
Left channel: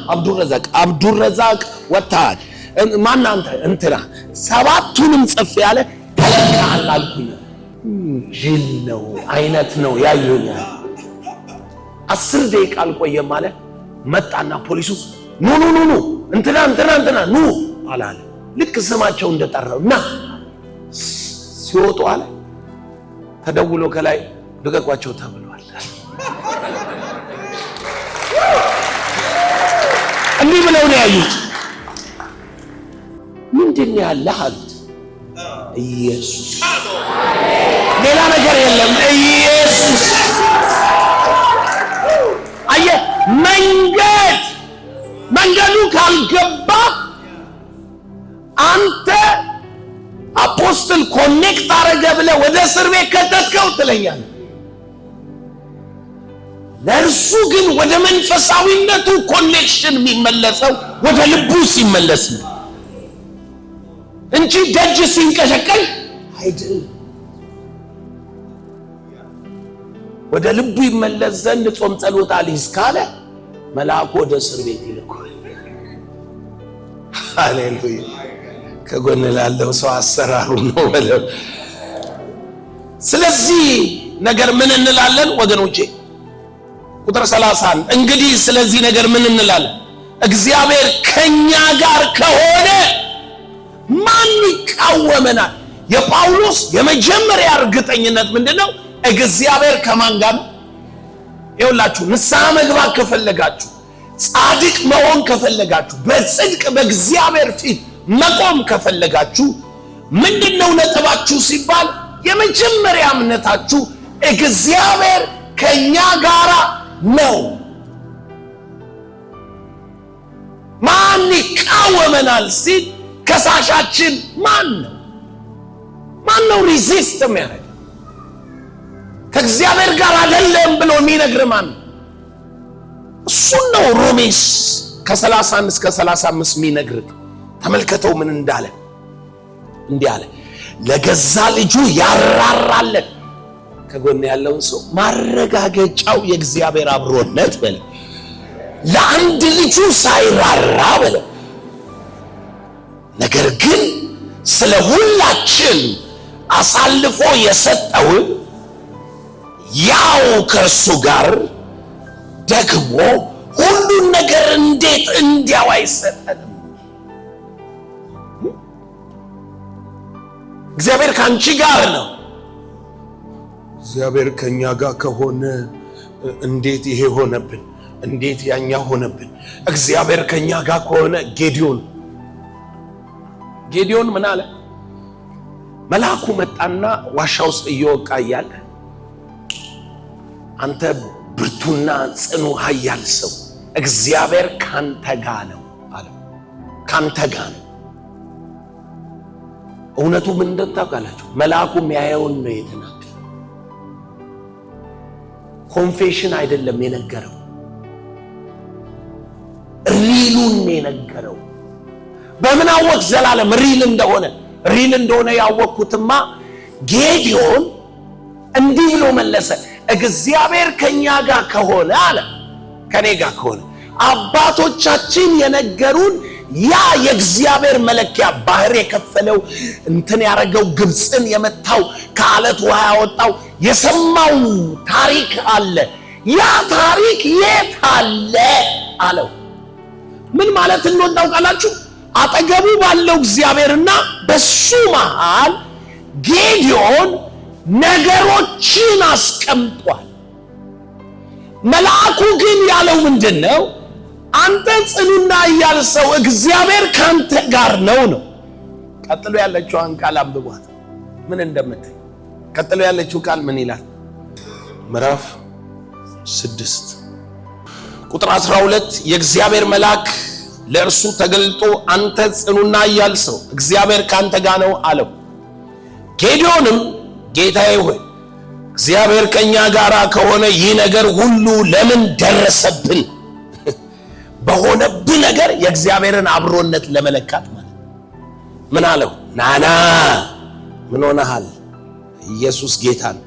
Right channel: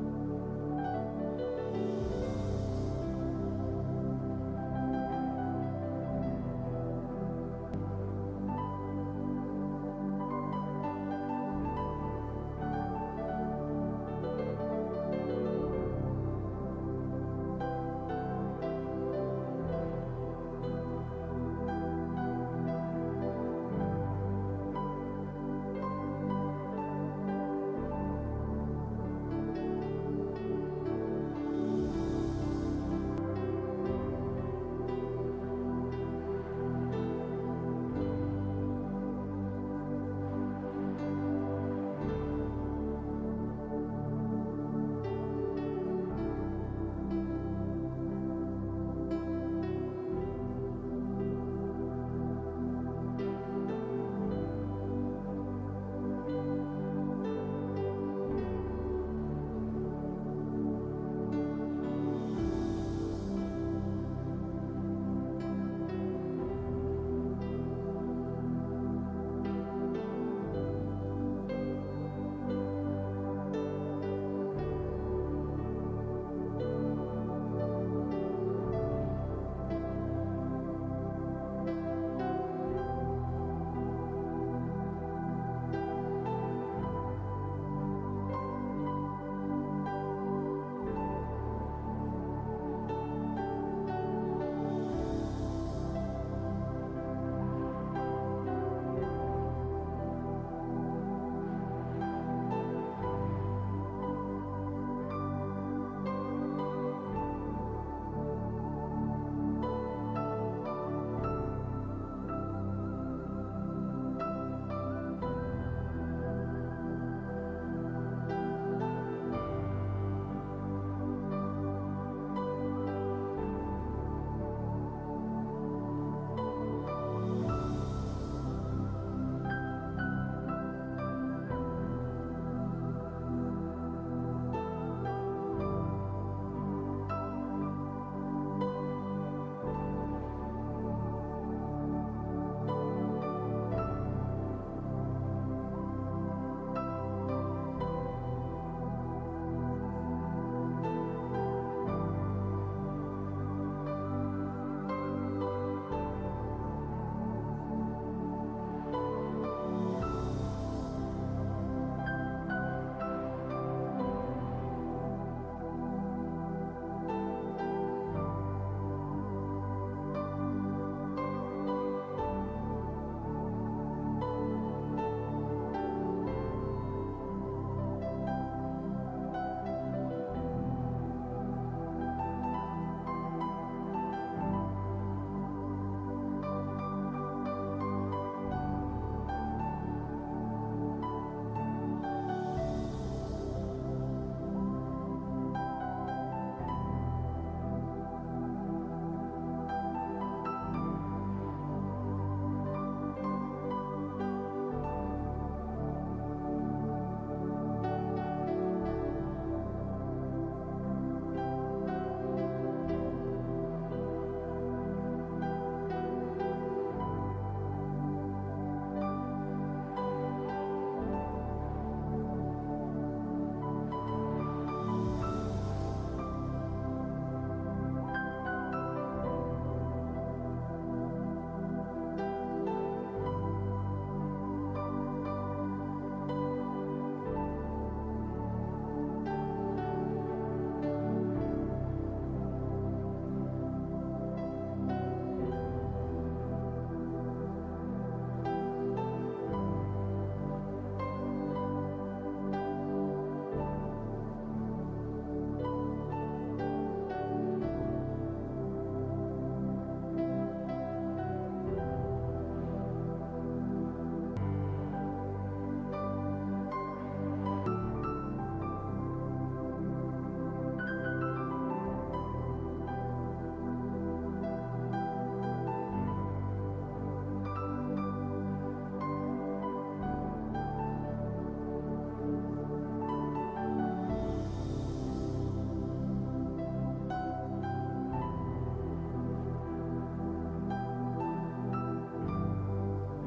አብዱረዛቅ ወጣት ማን አንተ? እንትና 7ቱንም ጽፍ ያለ ተለካል አልኩኝ። ጅል ነው አይነት ነው ያዩኛል። 10 ደቂቃ አልቆየም ማለት መጣና ፖሊሱ ኑ እንትና ኑ አላለ። ልክ ስማቸው እንደጠራውና ሲወጡ አለ ተደውሎ ከላይ ልቀቋቸው ተብሏል። እንዲህ ብለው ነው ያዩት። ምንድን ያለህ አሉት። ኢየሱስ፣ ሌላ ነገር የለም። ኢየሱስ አየህ፣ መንገዱ ካልገባ አንተ አፖስትል ኮኔክት አረገ ብለህ ወደ እስር ቤት ከተትከው ትለኛለህ። ለእርሱ ግን ወደ መንፈሳዊነቱ ኮኔክሽን የሚመለሰው ወደ ልቡ ሲመለስ ነው እንጂ ደጅ ሲንቀሸቀሽ አይደለም። ወደ ልቡ ይመለስ ዘንድ ጾም ጸሎት አልይዝ ካለ መልአኩ ወደ እስር ቤት ይልካል። ሃሌሉያ! ከጎን ላለው ሰው አሰራሩ ነው ማለት። ስለዚህ ነገር ምን እንላለን ወገኖቼ? ቁጥር 30 እንግዲህ ስለዚህ ነገር ምን እንላለን? እግዚአብሔር ከኛ ጋር ከሆነ ማን ይቃወመናል? የጳውሎስ የመጀመሪያ እርግጠኝነት ምንድነው? እግዚአብሔር ከማን ጋር ነው? ይኸውላችሁ ንስሐ መግባት ከፈለጋችሁ፣ ጻድቅ መሆን ከፈለጋችሁ፣ በጽድቅ በእግዚአብሔር ፊት መቆም ከፈለጋችሁ ምንድነው ነጥባችሁ ሲባል የመጀመሪያ እምነታችሁ እግዚአብሔር ከኛ ጋር ነው። ማን ይቃወመናል ሲል ከሳሻችን ማን ነው? ማን ነው ሪዚስት የሚያደርግ? ከእግዚአብሔር ጋር አይደለም ብሎ የሚነግር ማን ነው? እሱን ነው ሮሜስ ከ31 እስከ 35 የሚነግር። ተመልከተው ምን እንዳለ። እንዲህ አለ፣ ለገዛ ልጁ ያራራለን። ከጎን ያለውን ሰው ማረጋገጫው የእግዚአብሔር አብሮነት በለው። ለአንድ ልጁ ሳይራራ በለው፣ ነገር ግን ስለ ሁላችን አሳልፎ የሰጠውን ያው ከእርሱ ጋር ደግሞ ሁሉን ነገር እንዴት እንዲያው አይሰጠንም? እግዚአብሔር ከአንቺ ጋር ነው። እግዚአብሔር ከኛ ጋር ከሆነ እንዴት ይሄ ሆነብን? እንዴት ያኛ ሆነብን? እግዚአብሔር ከኛ ጋር ከሆነ ጌዲዮን ምን አለ? መልአኩ መጣና ዋሻ ውስጥ እየወቃ እያለ አንተ ብርቱና ጽኑ ኃያል ሰው እግዚአብሔር ካንተ ጋር ነው አለ። ካንተ ጋር ነው። እውነቱ ምን እንደታውቃላችሁ? መልአኩ የሚያየውን ነው የተናገረው። ኮንፌሽን አይደለም የነገረው፣ ሪሉን ነው የነገረው። በምን አወቅ ዘላለም ሪል እንደሆነ ያወቅኩትማ ጌዲዮን እንዲህ ብሎ መለሰ፣ እግዚአብሔር ከኛ ጋር ከሆነ አለ፣ ከኔ ጋር ከሆነ አባቶቻችን የነገሩን ያ የእግዚአብሔር መለኪያ ባህር የከፈለው እንትን ያረገው ግብፅን የመታው ከአለት ውሃ ያወጣው የሰማው ታሪክ አለ። ያ ታሪክ የት አለ አለው። ምን ማለት እንደሆነ ታውቃላችሁ? አጠገቡ ባለው እግዚአብሔርና በሱ መሃል ጌዲዮን ነገሮችን አስቀምጧል። መልአኩ ግን ያለው ምንድነው? አንተ ጽኑና ኃያል ሰው እግዚአብሔር ካንተ ጋር ነው። ቀጥሎ ያለችውን ቃል አንብቧት ምን እንደምትል። ቀጥሎ ያለችው ቃል ምን ይላል? ምዕራፍ 6 ቁጥር 12 የእግዚአብሔር መልአክ ለእርሱ ተገልጦ አንተ ጽኑና ኃያል ሰው እግዚአብሔር ካንተ ጋር ነው አለው። ጌዲዮንም ጌታዬ ሆይ እግዚአብሔር ከኛ ጋር ከሆነ ይህ ነገር ሁሉ ለምን ደረሰብን? በሆነብህ ነገር የእግዚአብሔርን አብሮነት ለመለካት ማለት ምን አለው? ናና ምን ሆነሃል? ኢየሱስ ጌታ ነው።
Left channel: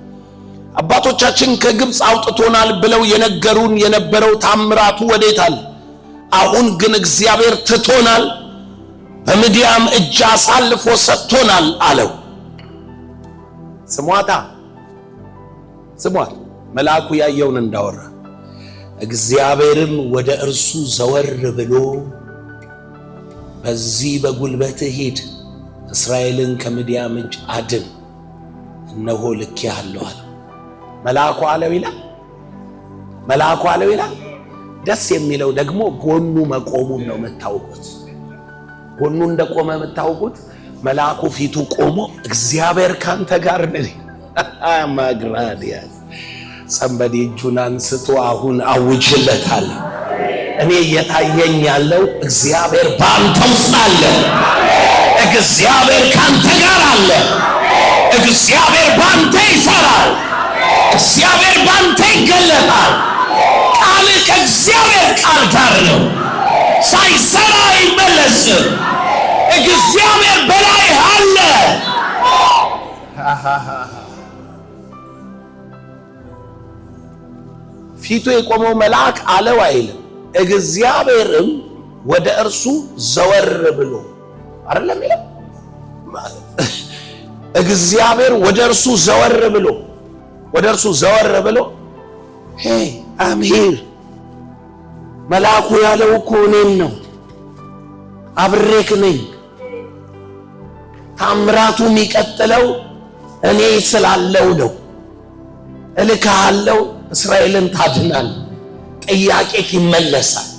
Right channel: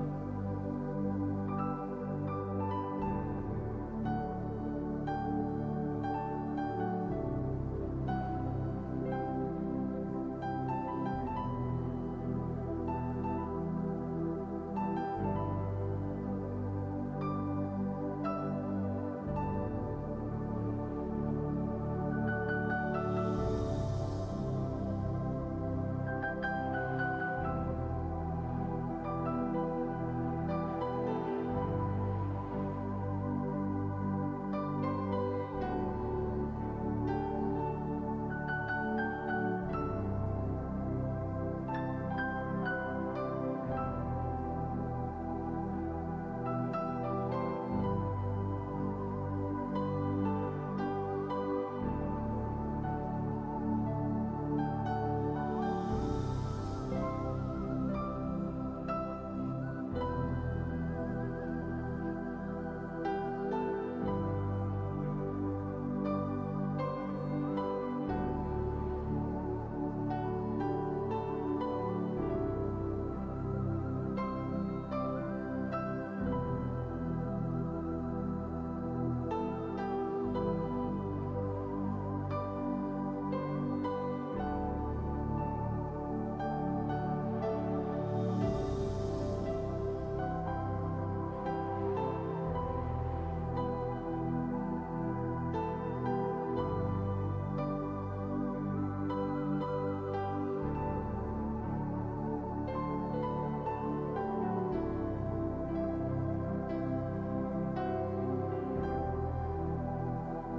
አባቶቻችን ከግብፅ አውጥቶናል ብለው የነገሩን የነበረው ታምራቱ ወዴት አለ? አሁን ግን እግዚአብሔር ትቶናል፣ በምድያም እጅ አሳልፎ ሰጥቶናል አለው። ስሟት መልአኩ ያየውን እንዳወራ። እግዚአብሔርም ወደ እርሱ ዘወር ብሎ በዚህ በጉልበትህ ሂድ፣ እስራኤልን ከምድያም እጅ አድን፣ እነሆ ልኬሃለሁ አለው። መልአኩ አለው ይላል። ደስ የሚለው ደግሞ ጎኑ መቆሙን ነው የምታውቁት። ጎኑ እንደቆመ የምታውቁት መልአኩ ፊቱ ቆሞ እግዚአብሔር ካንተ ጋር ነው። ማግራዲያስ ሰንበዲ እጁን አንስቶ አሁን አውጅለታል። እኔ እየታየኝ ያለው እግዚአብሔር ባንተ ውስጥ አለ። እግዚአብሔር ካንተ ጋር አለ። እግዚአብሔር ባንተ ይሰራል። እግዚአብሔር ባንተ ይገለጣል። ቃል ከእግዚአብሔር ቃል ጋር ነው። ሳይሰራ አይመለስም። እግዚአብሔር በላይ አለ። ፊቱ የቆመው መልአክ አለው አይልም። እግዚአብሔርም ወደ እርሱ ዘወር ብሎ አይደለም ይላል። እግዚአብሔር ወደ እርሱ ዘወር ብሎ ሄይ አም ሂር። መልአኩ ያለው እኮ እኔን ነው፣ አብሬክ ነኝ። ታምራቱ የሚቀጥለው እኔ ስላለው ነው። እልካለሁ፣ እስራኤልን ታድናል። ጥያቄክ ይመለሳል።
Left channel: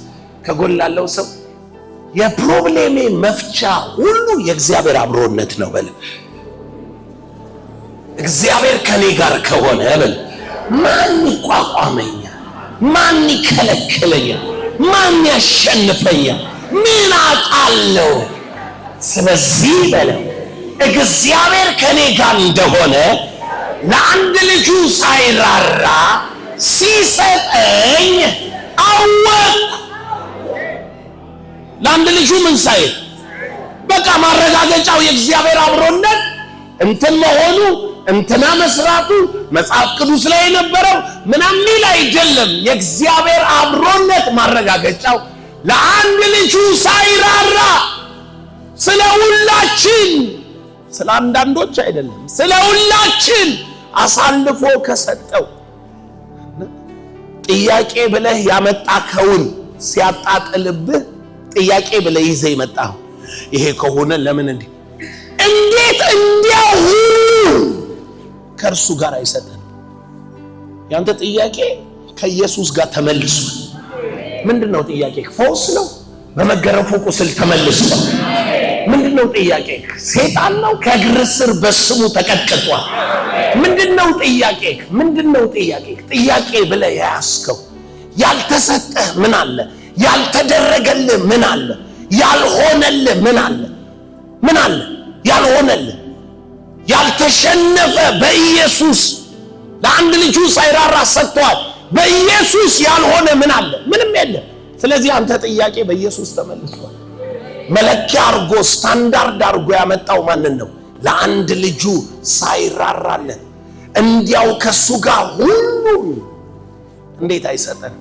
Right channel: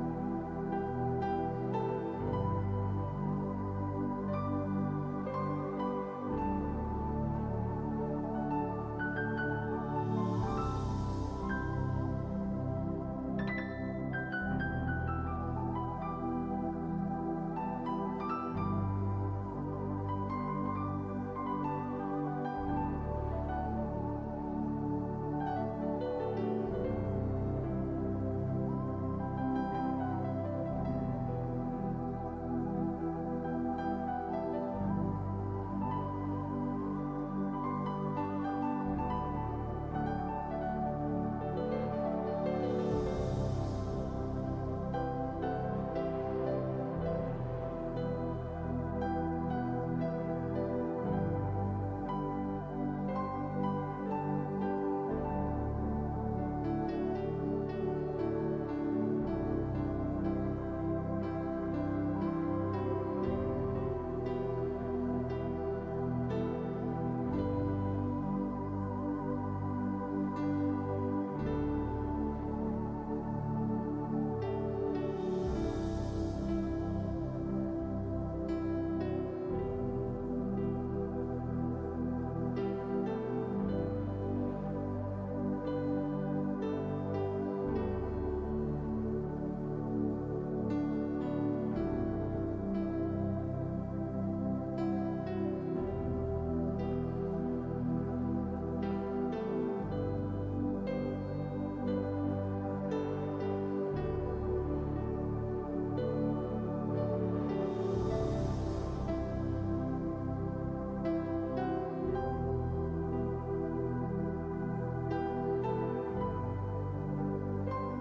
ከጎን ላለው ሰው የፕሮብሌሜ መፍቻ ሁሉ የእግዚአብሔር አብሮነት ነው በል። እግዚአብሔር ከኔ ጋር ከሆነ በል ማን ይቋቋመኛል? ማን ይከለክለኛል? ማን ያሸንፈኛል? ምን አጣለው? ስለዚህ በል እግዚአብሔር ከኔ ጋር እንደሆነ ለአንድ ልጁ ሳይራራ ሲሰጠኝ አወቅሁ። ለአንድ ልጁ ምን ሳይል በቃ ማረጋገጫው የእግዚአብሔር አብሮነት እንትን መሆኑ እንትና መስራቱ መጽሐፍ ቅዱስ ላይ የነበረው ምናምን አይደለም። የእግዚአብሔር አብሮነት ማረጋገጫው ለአንድ ልጁ ሳይራራ ስለ ሁላችን፣ ስለ አንዳንዶች አይደለም፣ ስለ ሁላችን አሳልፎ ከሰጠው። ጥያቄ ብለህ ያመጣከውን ሲያጣጥልብህ ጥያቄ ብለህ ይዘህ ይመጣው ይሄ ከሆነ ለምን እንዴት እንዲያው ከእርሱ ጋር አይሰጠን? ያንተ ጥያቄ ከኢየሱስ ጋር ተመልሷል። ምንድነው ጥያቄ? ፈውስ ነው። በመገረፉ ቁስል ተመልሷል። ምንድነው ጥያቄ? ሰይጣን ነው ከእግር ስር በስሙ ተቀጥቅጧል። ምንድነው ጥያቄ? ጥያቄ ብለህ ያስከው ያልተሰጠህ ምን አለ? ያልተደረገልህ ምን አለ? ያልሆነልህ ምን አለ? ያልሆነልህ ያልተሸነፈ በኢየሱስ ለአንድ ልጁ ሳይራራ ሰጥቷል። በኢየሱስ ያልሆነ ምን አለ? ምንም የለም። ስለዚህ አንተ ጥያቄ በኢየሱስ ተመልሷል። መለኪያ አርጎ ስታንዳርድ አርጎ ያመጣው ማንን ነው? ለአንድ ልጁ ሳይራራለን እንዲያው ከሱ ጋር ሁሉ እንዴት አይሰጠን?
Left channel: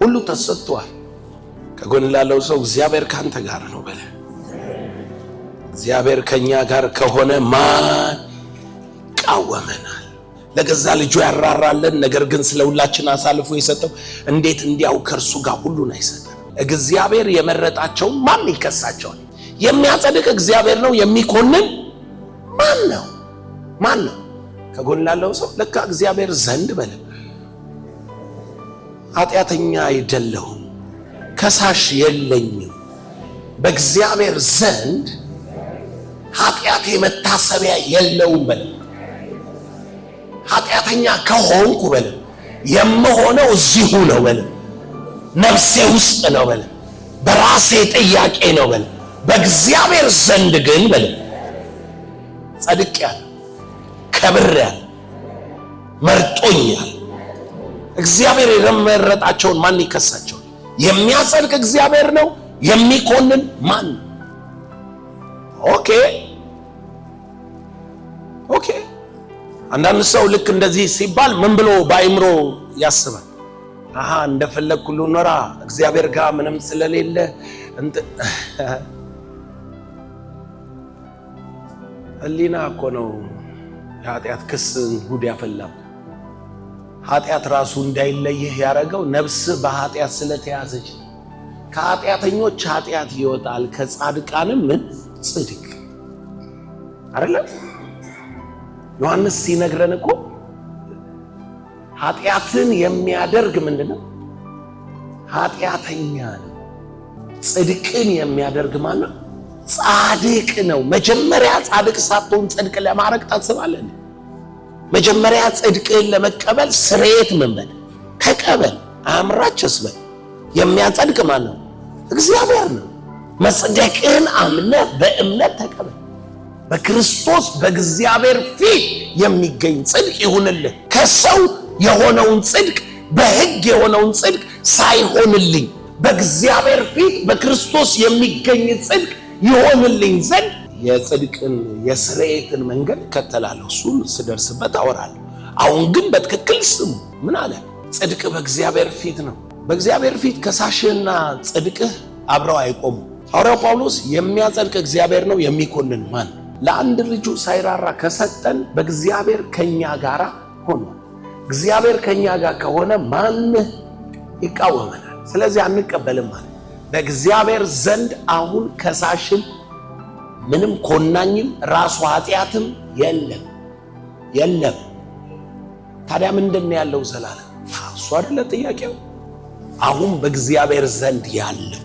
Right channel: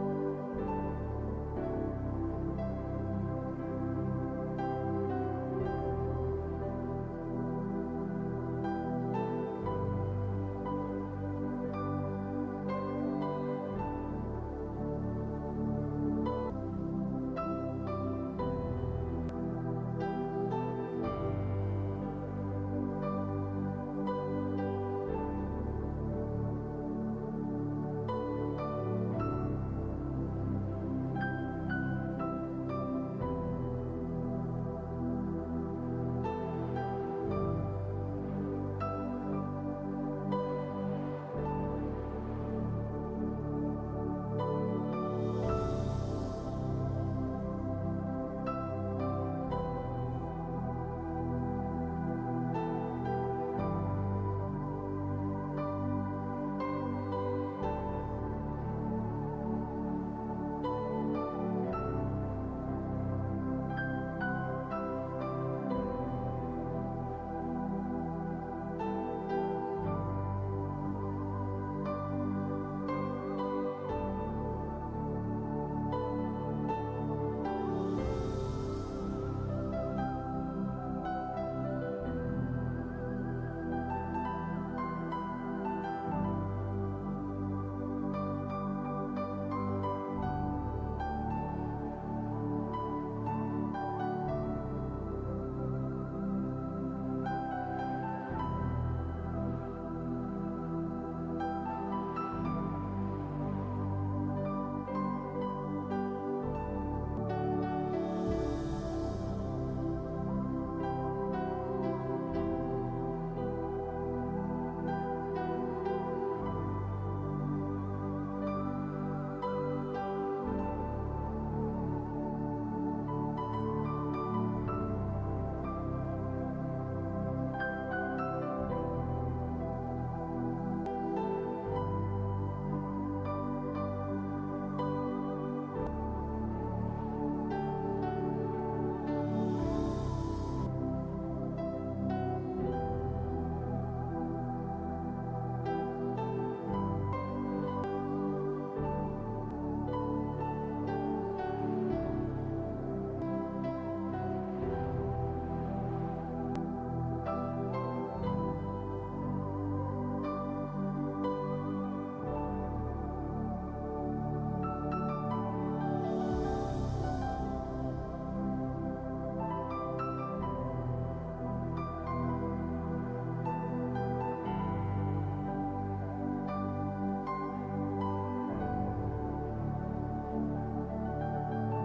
ሁሉ ተሰጥቷል። ከጎን ላለው ሰው እግዚአብሔር ካንተ ጋር ነው በለ። እግዚአብሔር ከኛ ጋር ከሆነ ማን ይቃወመናል? ለገዛ ልጁ ያራራለን፣ ነገር ግን ስለ ሁላችን አሳልፎ የሰጠው እንዴት እንዲያው ከእርሱ ጋር ሁሉን አይሰጠን? እግዚአብሔር የመረጣቸው ማን ይከሳቸዋል? የሚያጸድቅ እግዚአብሔር ነው። የሚኮንን ማን ነው? ከጎን ላለው ሰው ለካ እግዚአብሔር ዘንድ በለ ኃጢአተኛ አይደለሁም፣ ከሳሽ የለኝም። በእግዚአብሔር ዘንድ ኃጢአቴ መታሰቢያ የለውም በለ። ኃጢአተኛ ከሆንኩ በለ የምሆነው እዚሁ ነው በለ፣ ነፍሴ ውስጥ ነው በለ፣ በራሴ ጥያቄ ነው በለ። በእግዚአብሔር ዘንድ ግን በለ ጸድቄያለሁ፣ ከብሬያለሁ፣ መርጦኛል። እግዚአብሔር የመረጣቸውን ማን ይከሳቸዋል? የሚያጸድቅ እግዚአብሔር ነው። የሚኮንን ማን ነው? ኦኬ። አንዳንድ ሰው ልክ እንደዚህ ሲባል ምን ብሎ በአይምሮ ያስባል? እንደፈለግኩ ልኖራ እግዚአብሔር ጋር ምንም ስለሌለ ህሊና እኮ ነው የኃጢአት ክስ ጉድ ያፈላው። ኃጢአት ራሱ እንዳይለይህ ያደረገው ነፍስህ በኃጢአት ስለተያዘች። ከኃጢአተኞች ኃጢአት ይወጣል፣ ከጻድቃንም ምን ጽድቅ አይደለም። ዮሐንስ ሲነግረን እኮ ኃጢአትን የሚያደርግ ምንድነው? ኃጢአተኛ ነው። ጽድቅን የሚያደርግ ማለት ጻድቅ ነው። መጀመሪያ ጻድቅ ሳትሆን ጽድቅ ለማድረግ ታስባለህ? መጀመሪያ ጽድቅን ለመቀበል ስርየት መንበል ተቀበል። አምራችስ በል የሚያጸድቅ ማን ነው? እግዚአብሔር ነው። መጽደቅን አምነህ በእምነት ተቀበል። በክርስቶስ በእግዚአብሔር ፊት የሚገኝ ጽድቅ ይሁንልህ። ከሰው የሆነውን ጽድቅ በሕግ የሆነውን ጽድቅ ሳይሆንልኝ በእግዚአብሔር ፊት በክርስቶስ የሚገኝ ጽድቅ ይሆንልኝ ዘንድ የጽድቅን የስርየትን መንገድ እከተላለሁ። እሱን ስደርስበት አወራለሁ። አሁን ግን በትክክል ስሙ። ምን አለ? ጽድቅ በእግዚአብሔር ፊት ነው። በእግዚአብሔር ፊት ከሳሽና ጽድቅህ አብረው አይቆሙ። ሐዋርያው ጳውሎስ የሚያጸድቅ እግዚአብሔር ነው፣ የሚኮንን ማን? ለአንድ ልጁ ሳይራራ ከሰጠን በእግዚአብሔር ከኛ ጋር ሆኖ፣ እግዚአብሔር ከኛ ጋር ከሆነ ማን ይቃወመናል? ስለዚህ አንቀበልም ማለት። በእግዚአብሔር ዘንድ አሁን ከሳሽም ምንም ኮናኝም ራሱ ኃጢአትም የለም። ታዲያ ምንድን ነው ያለው? ዘላለም እሱ አይደለ ጥያቄው? አሁን በእግዚአብሔር ዘንድ ያለው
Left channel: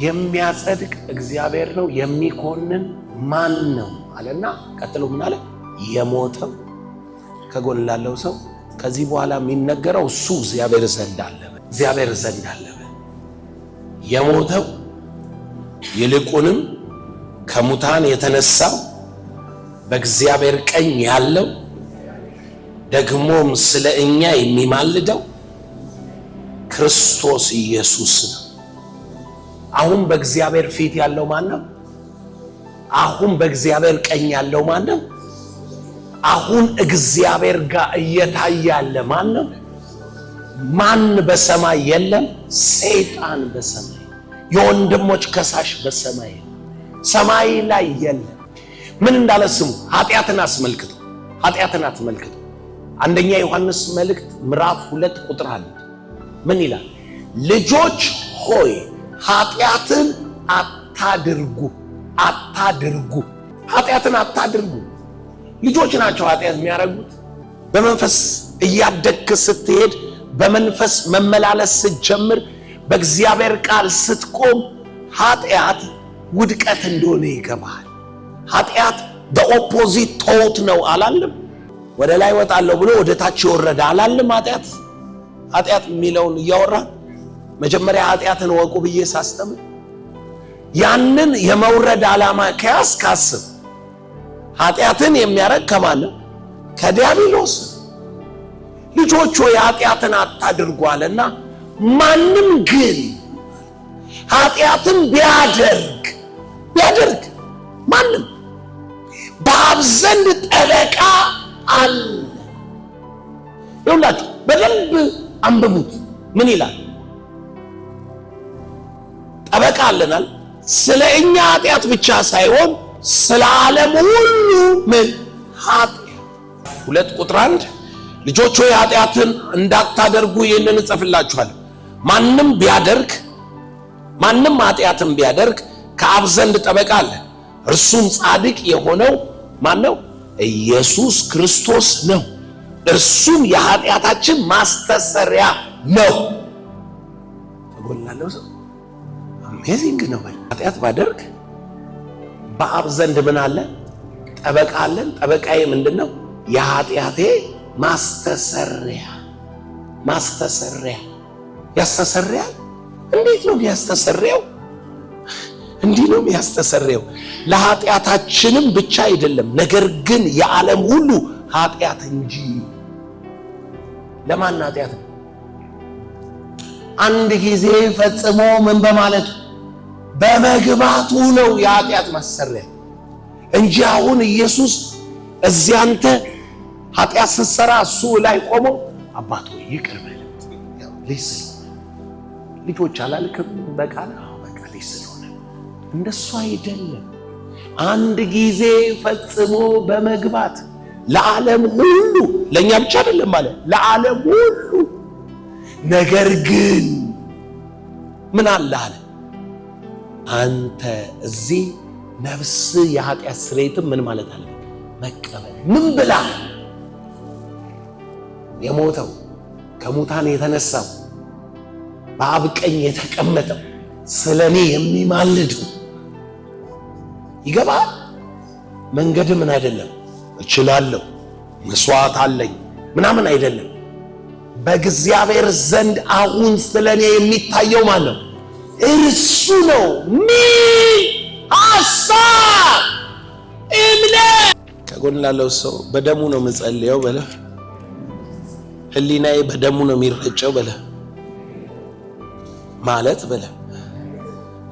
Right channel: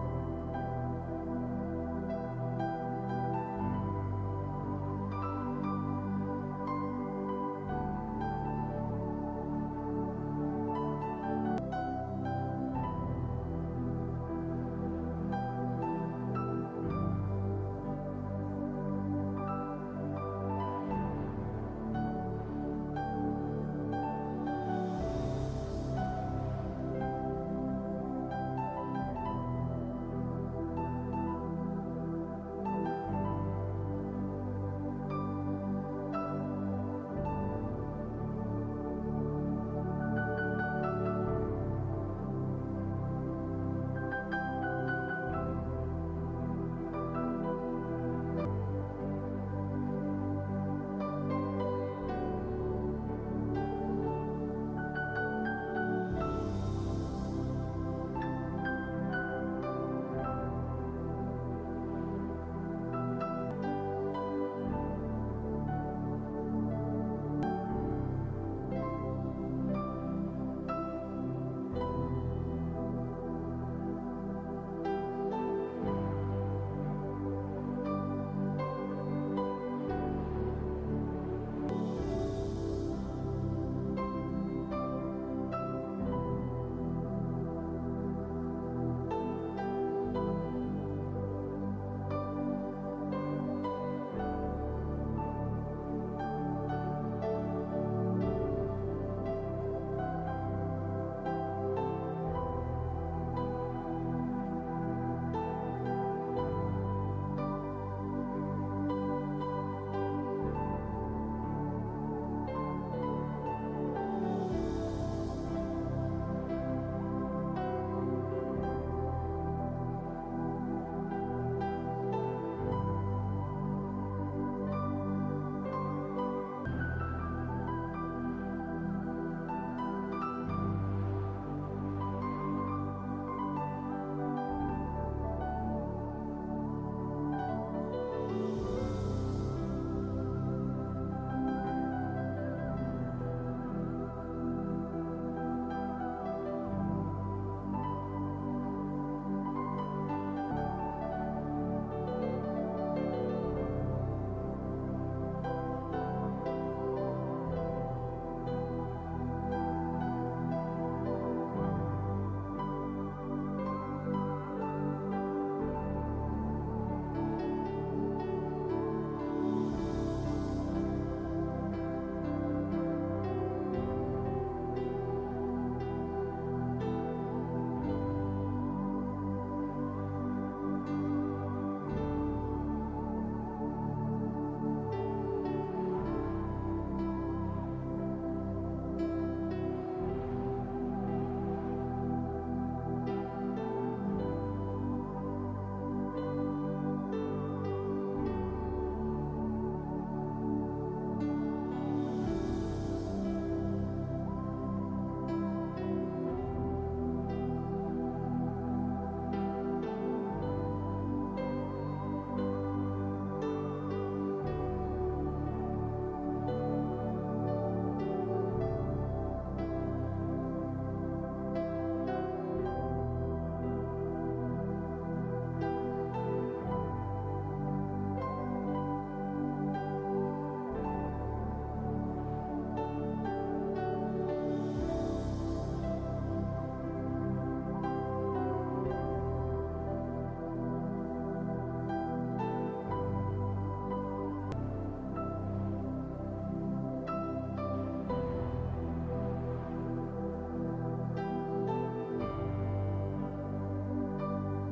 የሚያጸድቅ እግዚአብሔር ነው፣ የሚኮንን ማን ነው አለና ቀጥሎ ምን አለ? የሞተው ከጎን ላለው ሰው ከዚህ በኋላ የሚነገረው እሱ እግዚአብሔር ዘንድ አለ። የሞተው ይልቁንም ከሙታን የተነሳው በእግዚአብሔር ቀኝ ያለው ደግሞም ስለ እኛ የሚማልደው ክርስቶስ ኢየሱስ ነው። አሁን በእግዚአብሔር ፊት ያለው ማን ነው? አሁን በእግዚአብሔር ቀኝ ያለው ማን ነው? አሁን እግዚአብሔር ጋር እየታየ ያለ ማን ነው? ማን በሰማይ የለም? ሰይጣን በሰማይ፣ የወንድሞች ከሳሽ በሰማይ፣ ሰማይ ላይ የለም። ምን እንዳለ ስሙ። ኃጢአትን አስመልክቶ አንደኛ ዮሐንስ መልእክት ምዕራፍ 2 ቁጥር 1 ምን ይላል? ልጆች ሆይ ኃጢአትን አታድርጉ። ኃጢአትን አታድርጉ። ልጆች ናቸው ኃጢአት የሚያደርጉት። በመንፈስ እያደግክ ስትሄድ፣ በመንፈስ መመላለስ ስትጀምር፣ በእግዚአብሔር ቃል ስትቆም ኃጢአት ውድቀት እንደሆነ ይገባል። ኃጢአት በኦፖዚት ቶት ነው አላለም? ወደ ላይ ወጣለሁ ብሎ ወደ ታች ይወረዳ አላለም? ኃጢአት የሚለውን እያወራ መጀመሪያ ኃጢአትን ወቁ ብዬ ሳስተምር ያንን የመውረድ ዓላማ ከያዝ ካስብ ኃጢአትን የሚያረግ ከማን ነው? ከዲያብሎስ። ልጆች ሆይ ኃጢአትን አታድርጉ አለና ማንም ግን ኃጢአትን ቢያደርግ ማንም በአብ ዘንድ ጠበቃ አለ። ይኸውላችሁ በደንብ አንብቡት። ምን ይላል? ጠበቃ አለናል። ስለ እኛ ኃጢአት ብቻ ሳይሆን ስለ ዓለም ሁሉ ምን ኃጢአት። 2 ቁጥር 1 ልጆች ሆይ ኃጢአትን እንዳታደርጉ ይህንን እጽፍላችኋለሁ። ማንም ኃጢአትን ቢያደርግ ከአብ ዘንድ ጠበቃ አለ፣ እርሱም ጻድቅ የሆነው ማን ነው? ኢየሱስ ክርስቶስ ነው። እርሱም የኃጢአታችን ማስተሰሪያ ነው። ተጎናለው ሰው አሜዚንግ ነው። ኃጢአት ባደርግ በአብ ዘንድ ምን አለ? ጠበቃ አለን። ጠበቃዬ ምንድነው? የኃጢአቴ ማስተሰሪያ። ያስተሰርያል። እንዴት ነው ያስተሰርያው? እንዲህ ነው ያስተሰርያው። ለኃጢአታችንም ብቻ አይደለም፣ ነገር ግን የዓለም ሁሉ ኃጢአት እንጂ። ለማን ኃጢአት? አንድ ጊዜ ፈጽሞ ምን በማለቱ በመግባቱ ነው የኃጢአት ማሰሪያ እንጂ አሁን ኢየሱስ እዚያ አንተ ኃጢአት ስትሰራ እሱ ላይ ቆሞ አባት ሆይ ይቅር በል ልጆች አላልክም? በቃል ስለሆነ እንደሱ አይደለም። አንድ ጊዜ ፈጽሞ በመግባት ለዓለም ሁሉ፣ ለእኛ ብቻ አይደለም ማለት ለዓለም ሁሉ። ነገር ግን ምን አለ አለ? አንተ እዚህ ነፍስ የኃጢአት ስርየትም ምን ማለት አለ? መቀበል። ምን ብላ? የሞተው ከሙታን የተነሳው በአብ ቀኝ የተቀመጠው ስለኔ የሚማልድ ይገባል። መንገድ ምን አይደለም እችላለሁ መስዋዕት አለኝ ምናምን አይደለም። በእግዚአብሔር ዘንድ አሁን ስለኔ የሚታየው ማለት ነው እርሱ ነው። ሐሳብ እምነት። ከጎን ላለው ሰው በደሙ ነው የምጸልየው በለ። ህሊናዬ በደሙ ነው የሚረጨው በለ ማለት በለ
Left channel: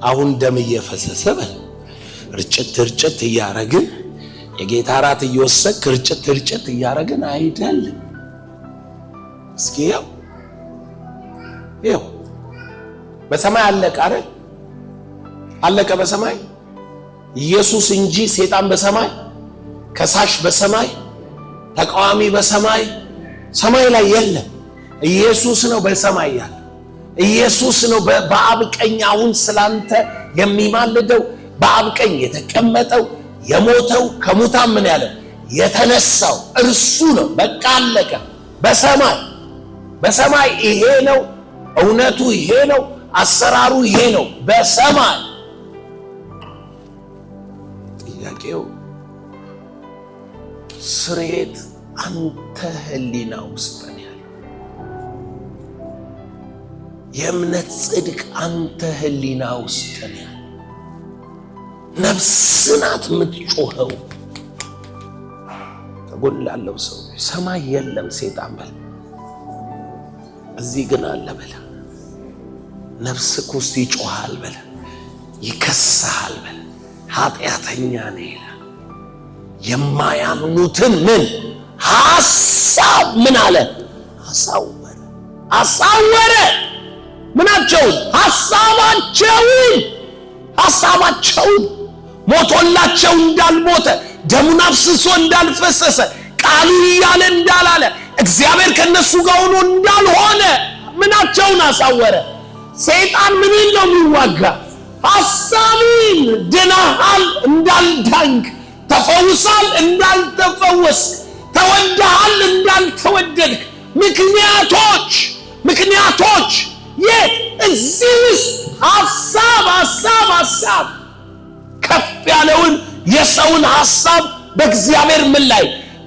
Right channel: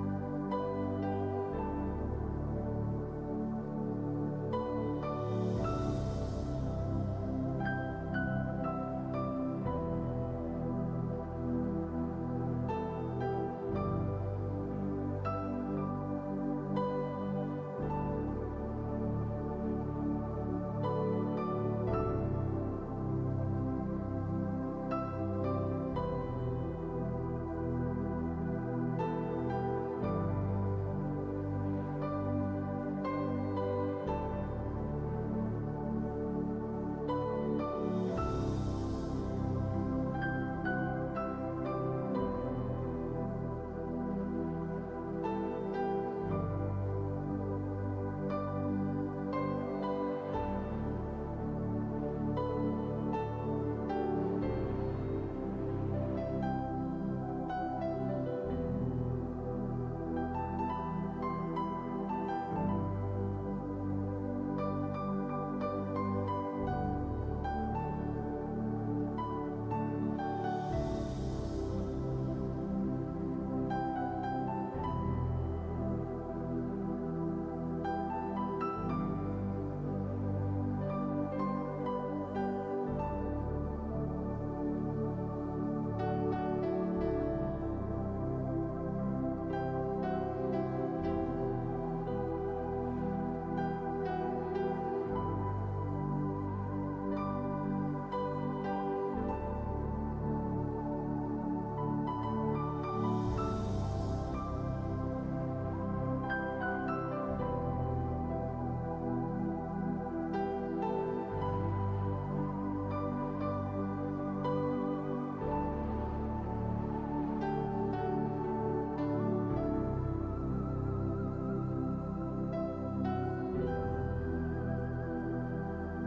አሁን ደም እየፈሰሰ በለ ርጭት እያረግን የጌታ ራት እየወሰድክ ርጭት እያረግን አይደለም። እስኪ ያው በሰማይ አለቀ አይደል? አለቀ በሰማይ ኢየሱስ እንጂ ሰይጣን በሰማይ ከሳሽ በሰማይ ተቃዋሚ በሰማይ ሰማይ ላይ የለም። ኢየሱስ ነው በሰማይ ያለ። ኢየሱስ ነው በአብ ቀኝ አሁን ስላንተ የሚማልደው በአብ ቀኝ የተቀመጠው የሞተው ከሙታን ምን ያለ የተነሳው እርሱ ነው። በቃ አለቀ። በሰማይ ይሄ ነው እውነቱ፣ ይሄ ነው አሰራሩ፣ ይሄ ነው በሰማይ። ጥያቄው ስርየት አንተ ህሊና ውስጥ ነው ያለው። የእምነት ጽድቅ አንተ ህሊና ውስጥ ነው ያለው። ነፍስናት የምትጮኸው። ከጎን ላለው ሰው ሰማይ የለም ሰይጣን በል፣ እዚህ ግን አለ በለ። ነፍስህ ውስጥ ይጮሃል በለ፣ ይከስሃል በለ። ኃጢአተኛ ነህ ይላል። የማያምኑትን ምን ሐሳብ ምን አለ አሳወረ። ምናቸውን? ሐሳባቸውን ሞቶላቸው እንዳልሞተ ደሙን አፍስሶ እንዳልፈሰሰ ቃሉ እያለ እንዳላለ እግዚአብሔር ከነሱ ጋር ሆኖ እንዳልሆነ ምናቸውን አሳወረ። ሰይጣን ምን ነው የሚዋጋ? ሐሳብን። ድነሃል እንዳልዳንክ፣ ተፈውሳል እንዳልተፈወስ፣ ተወደሃል እንዳልተወደድክ ምክንያቶች የት? እዚህ ውስጥ ሐሳብ ከፍ ያለውን የሰውን ሐሳብ በእግዚአብሔር ምን ላይ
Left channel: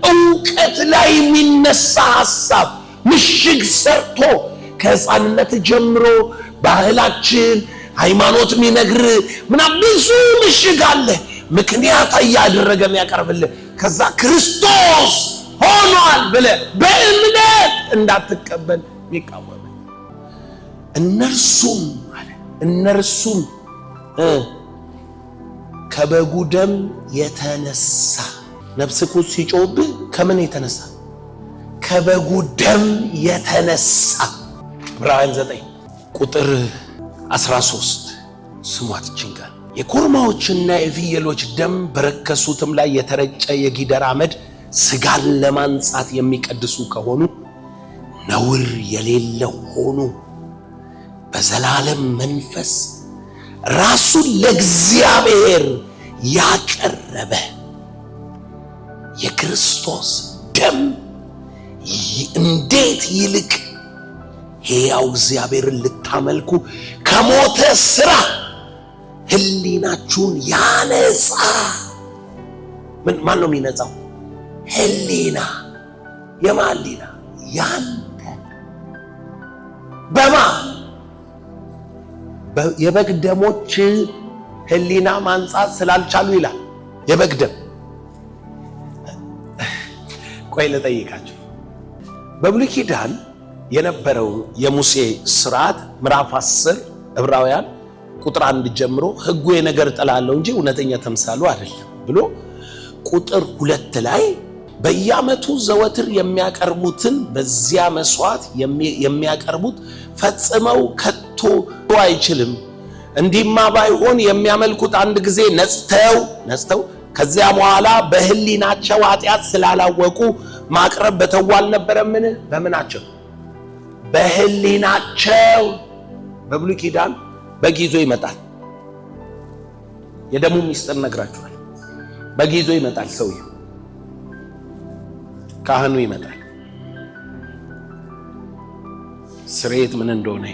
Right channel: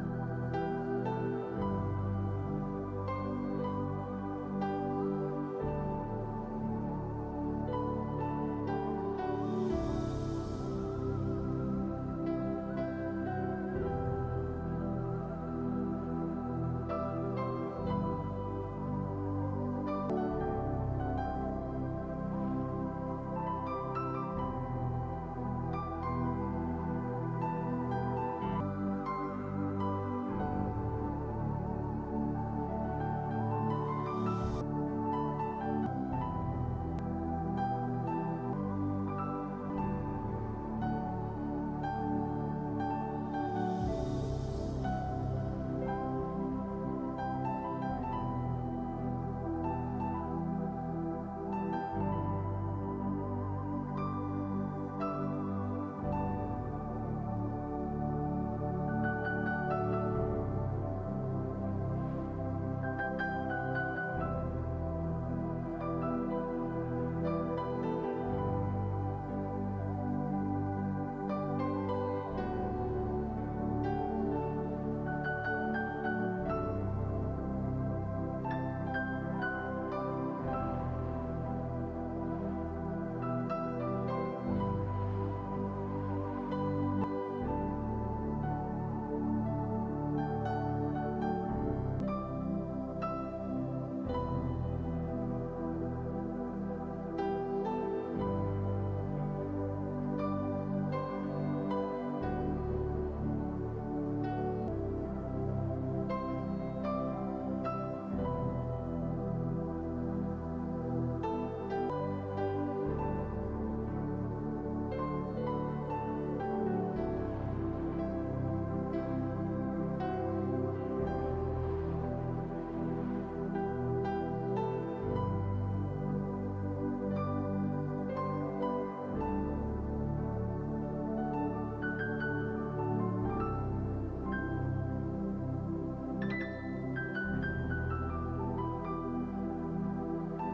ዕውቀት ላይ የሚነሳ ሐሳብ ምሽግ ሰርቶ ከሕፃንነት ጀምሮ ባህላችን ሃይማኖት የሚነግር ምናምን ብዙ ምሽግ አለ። ምክንያት እያደረገ የሚያቀርብልህ ከዛ ክርስቶስ ሆኗል ብለህ በእምነት እንዳትቀበል ይቃወማል። እነርሱም ከበጉ ደም የተነሳ ነፍስህ ሲጮህብህ ከምን የተነሳ? ከበጉ ደም የተነሳ። ዕብራውያን 9 ቁጥር 13 ስሟት ችንጋል። የኮርማዎችና የፍየሎች ደም በረከሱትም ላይ የተረጨ የጊደር አመድ ስጋን ለማንጻት የሚቀድሱ ከሆኑ ነውር የሌለው ሆኑ በዘላለም መንፈስ ራሱን ለእግዚአብሔር ያቀረበ የክርስቶስ ደም እንዴት ይልቅ ሕያው እግዚአብሔርን ልታመልኩ ከሞተ ሥራ ህሊናችሁን ያነጻ። ማን ነው የሚነጻው? ህሊና። የማን ህሊና? ያንተ። የበግ ደሞች ህሊና ማንጻት ስላልቻሉ ይላል። የበግ ደም ቆይ ልጠይቃችሁ። በብሉይ ኪዳን የነበረው የሙሴ ሥርዓት ምዕራፍ 10 ዕብራውያን ቁጥር 1 ጀምሮ ሕጉ የነገር ጥላለው እንጂ እውነተኛ ተምሳሉ አይደለም ብሎ ቁጥር 2 ላይ በየዓመቱ ዘወትር የሚያቀርቡትን በዚያ መስዋዕት የሚያቀርቡት ፈጽመው ከቶ አይችልም። እንዲህማ ባይሆን የሚያመልኩት አንድ ጊዜ ነጽተው ከዚያ በኋላ በህሊናቸው ኃጢአት ስላላወቁ ማቅረብ በተው አልነበረምን? በምናቸው? በህሊናቸው። በብሉይ ኪዳን በግ ይዞ ይመጣል። የደሙ ሚስጥር ነግራችኋል። በግ ይዞ ይመጣል። ሰውዬው ካህኑ ይመጣል። ስርየት ምን እንደሆነ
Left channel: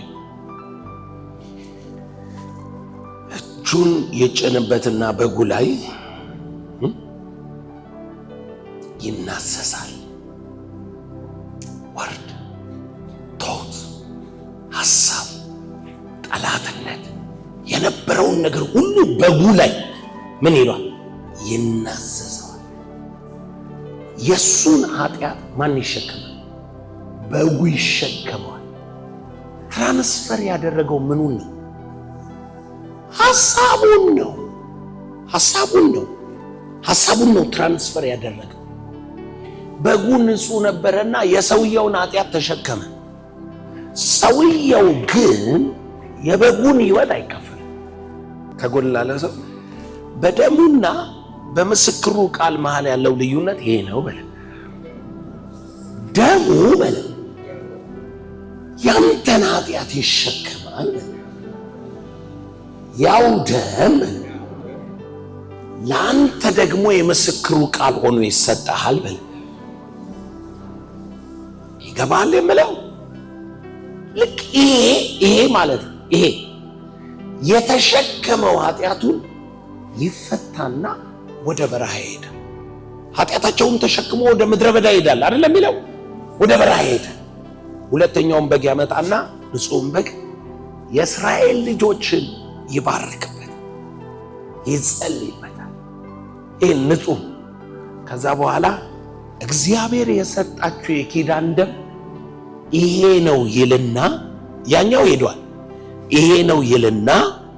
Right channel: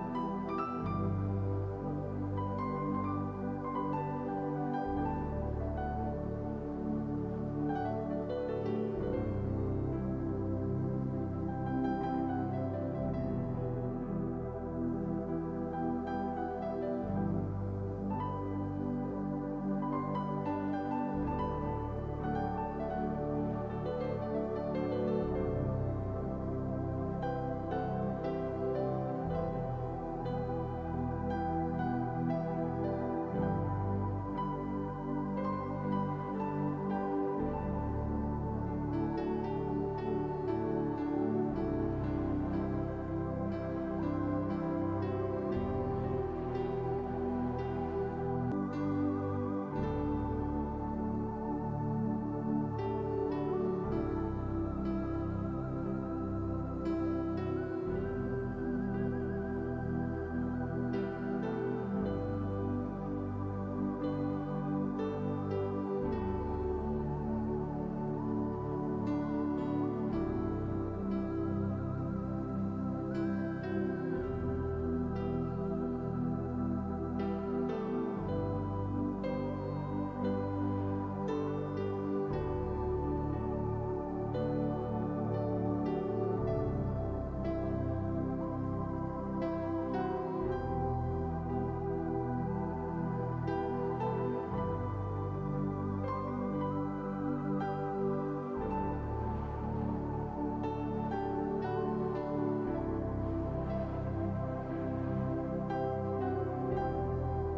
እጁን የጭንበትና በጉ ላይ ይናሰሳል። ወርድ፣ ቶት፣ ሐሳብ፣ ጠላትነት የነበረውን ነገር ሁሉ በጉ ላይ ምን ይሏል? ይናሰሳል። የሱን ኃጢአት ማን ይሸከማል? በጉ ይሸከመዋል። ትራንስፈር ያደረገው ምኑን ነው? ሐሳቡን ነው። ሐሳቡን ነው ትራንስፈር ያደረገው። በጉ ንጹህ ነበረና የሰውየውን ኃጢአት ተሸከመ። ሰውየው ግን የበጉን ሕይወት አይካፈልም። ከጎን ላለ ሰው በደሙና በምስክሩ ቃል መሃል ያለው ልዩነት ይሄ ነው በለ። ደሙ በለ ያንተን ኃጢአት ይሸከማል። ያው ደም ለአንተ ደግሞ የምስክሩ ቃል ሆኖ ይሰጣል በለ። ይገባል የምለው ልክ ይሄ ማለት ይሄ የተሸከመው ኃጢአቱን ይፈታና ወደ በረሃ ይሄዳል። ኃጢአታቸውን ተሸክሞ ወደ ምድረ በዳ ይሄዳል አይደለም የሚለው? ወደ በረሃ ይሄዳል። ሁለተኛውን በግ ያመጣና ንጹሕን በግ የእስራኤል ልጆችን ይባርክበት፣ ይጸልይበታል። ይሄ ንጹሕ። ከዛ በኋላ እግዚአብሔር የሰጣችሁ የኪዳን ደም ይሄ ነው ይልና ያኛው ሄዷል። ይሄ ነው ይልና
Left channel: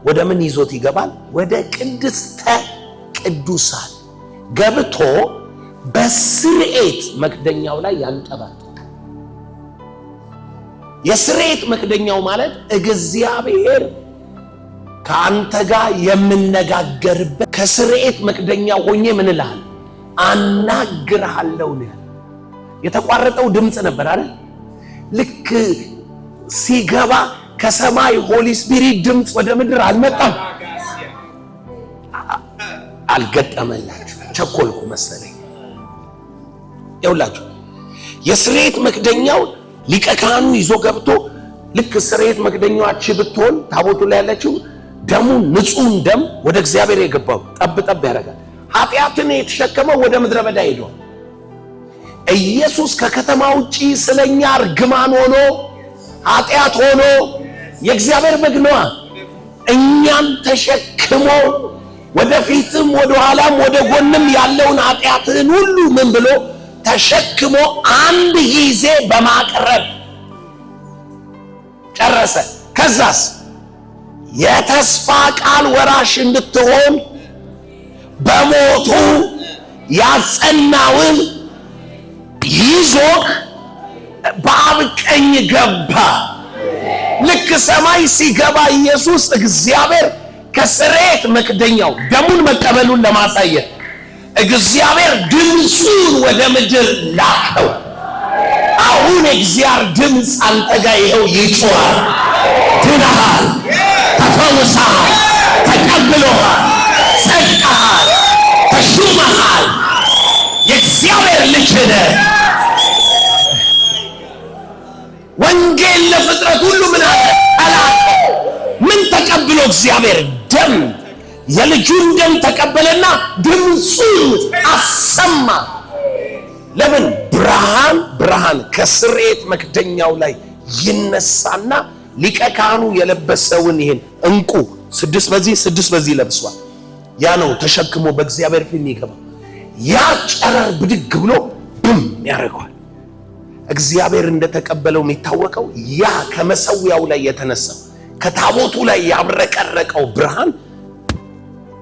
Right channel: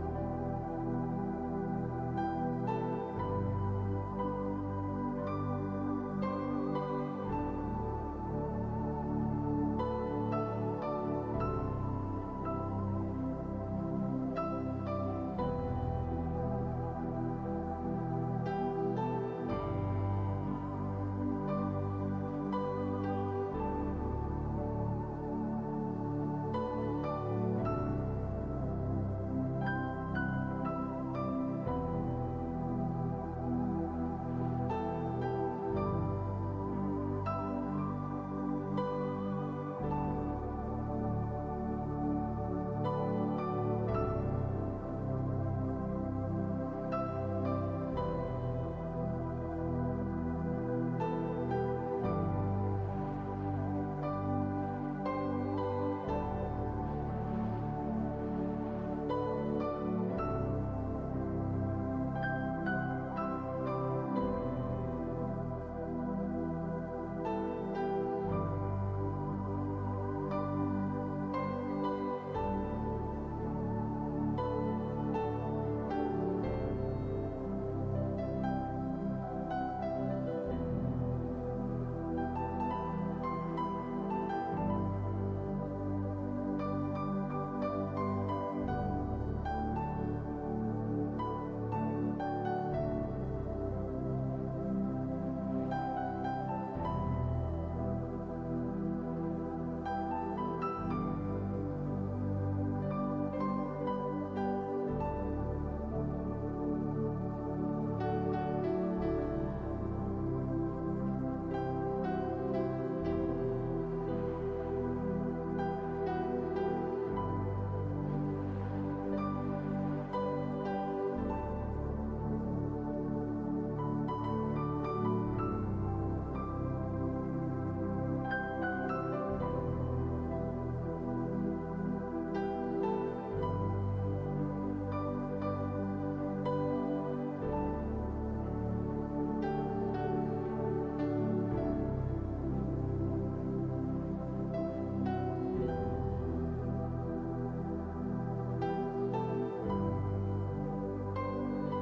ወደ ምን ይዞት ይገባል? ወደ ቅድስተ ቅዱሳን ገብቶ በስርኤት መክደኛው ላይ ያንጠባጥባል። የስርኤት መክደኛው ማለት እግዚአብሔር ከአንተ ጋር የምነጋገርበት ከስርኤት መክደኛው ሆኜ ምን እልሃለሁ? አናግርሃለሁ። የተቋረጠው ድምፅ ነበር አይደል? ልክ ሲገባ ከሰማይ ሆሊ ስፒሪት ድምፅ ወደ ምድር አልመጣም። አልገጠመላችሁ። ቸኮልኩ መሰለኝ። ይኸውላችሁ የስርየት መክደኛው ሊቀ ካህኑ ይዞ ገብቶ ልክ ስርየት መክደኛዋች ብትሆን ታቦቱ ላይ ያለችው ደሙ ንጹሕን ደም ወደ እግዚአብሔር የገባው ጠብ ጠብ ያደርጋል። ኃጢአትን የተሸከመው ወደ ምድረ በዳ ሄዶ ኢየሱስ ከከተማ ውጪ ስለኛ እርግማን ሆኖ ኃጢአት ሆኖ የእግዚአብሔር በግ ነዋ። እኛን ተሸክሞ ወደፊትም ወደ ኋላም ወደ ጎንም ያለውን ኃጢአትን ሁሉ ምን ብሎ ተሸክሞ አንድ ጊዜ በማቅረብ ጨረሰ። ከዛስ የተስፋ ቃል ወራሽ እንድትሆን በሞቱ ያጸናውን ይዞ በአብ ቀኝ ገባ። ልክ ሰማይ ሲገባ ኢየሱስ እግዚአብሔር ከስርየት መክደኛው ደሙን መቀበሉን ለማሳየት እግዚአብሔር ድምፁን ወደ ምድር ላከው። አሁን እግዚአብሔር ድምፅ አንተ ጋር ይኸው ይጮሃል። ድነሃል፣ ተፈውሰሃል፣ ተቀብሎሃል፣ ጸድቀሃል፣ ተሹመሃል። የእግዚአብሔር ልጅ ነህ። ወንጌል ለፍጥረት ሁሉ ምን አለ? ተላከ። ምን ተቀብሎ? እግዚአብሔር ደም፣ የልጁን ደም ተቀበለና ድምፁን አሰማ። ለምን? ብርሃን ከስርየት መክደኛው ላይ ይነሳና ሊቀ ካህኑ የለበሰውን ይሄን እንቁ 6 በዚህ ለብሷል። ያ ነው ተሸክሞ በእግዚአብሔር ፊት ይገባ። ያ ጨረር ብድግ ብሎ ብም ያደርገዋል። እግዚአብሔር እንደተቀበለው የሚታወቀው ያ ከመሰዊያው ላይ የተነሳው ከታቦቱ ላይ ያብረቀረቀው ብርሃን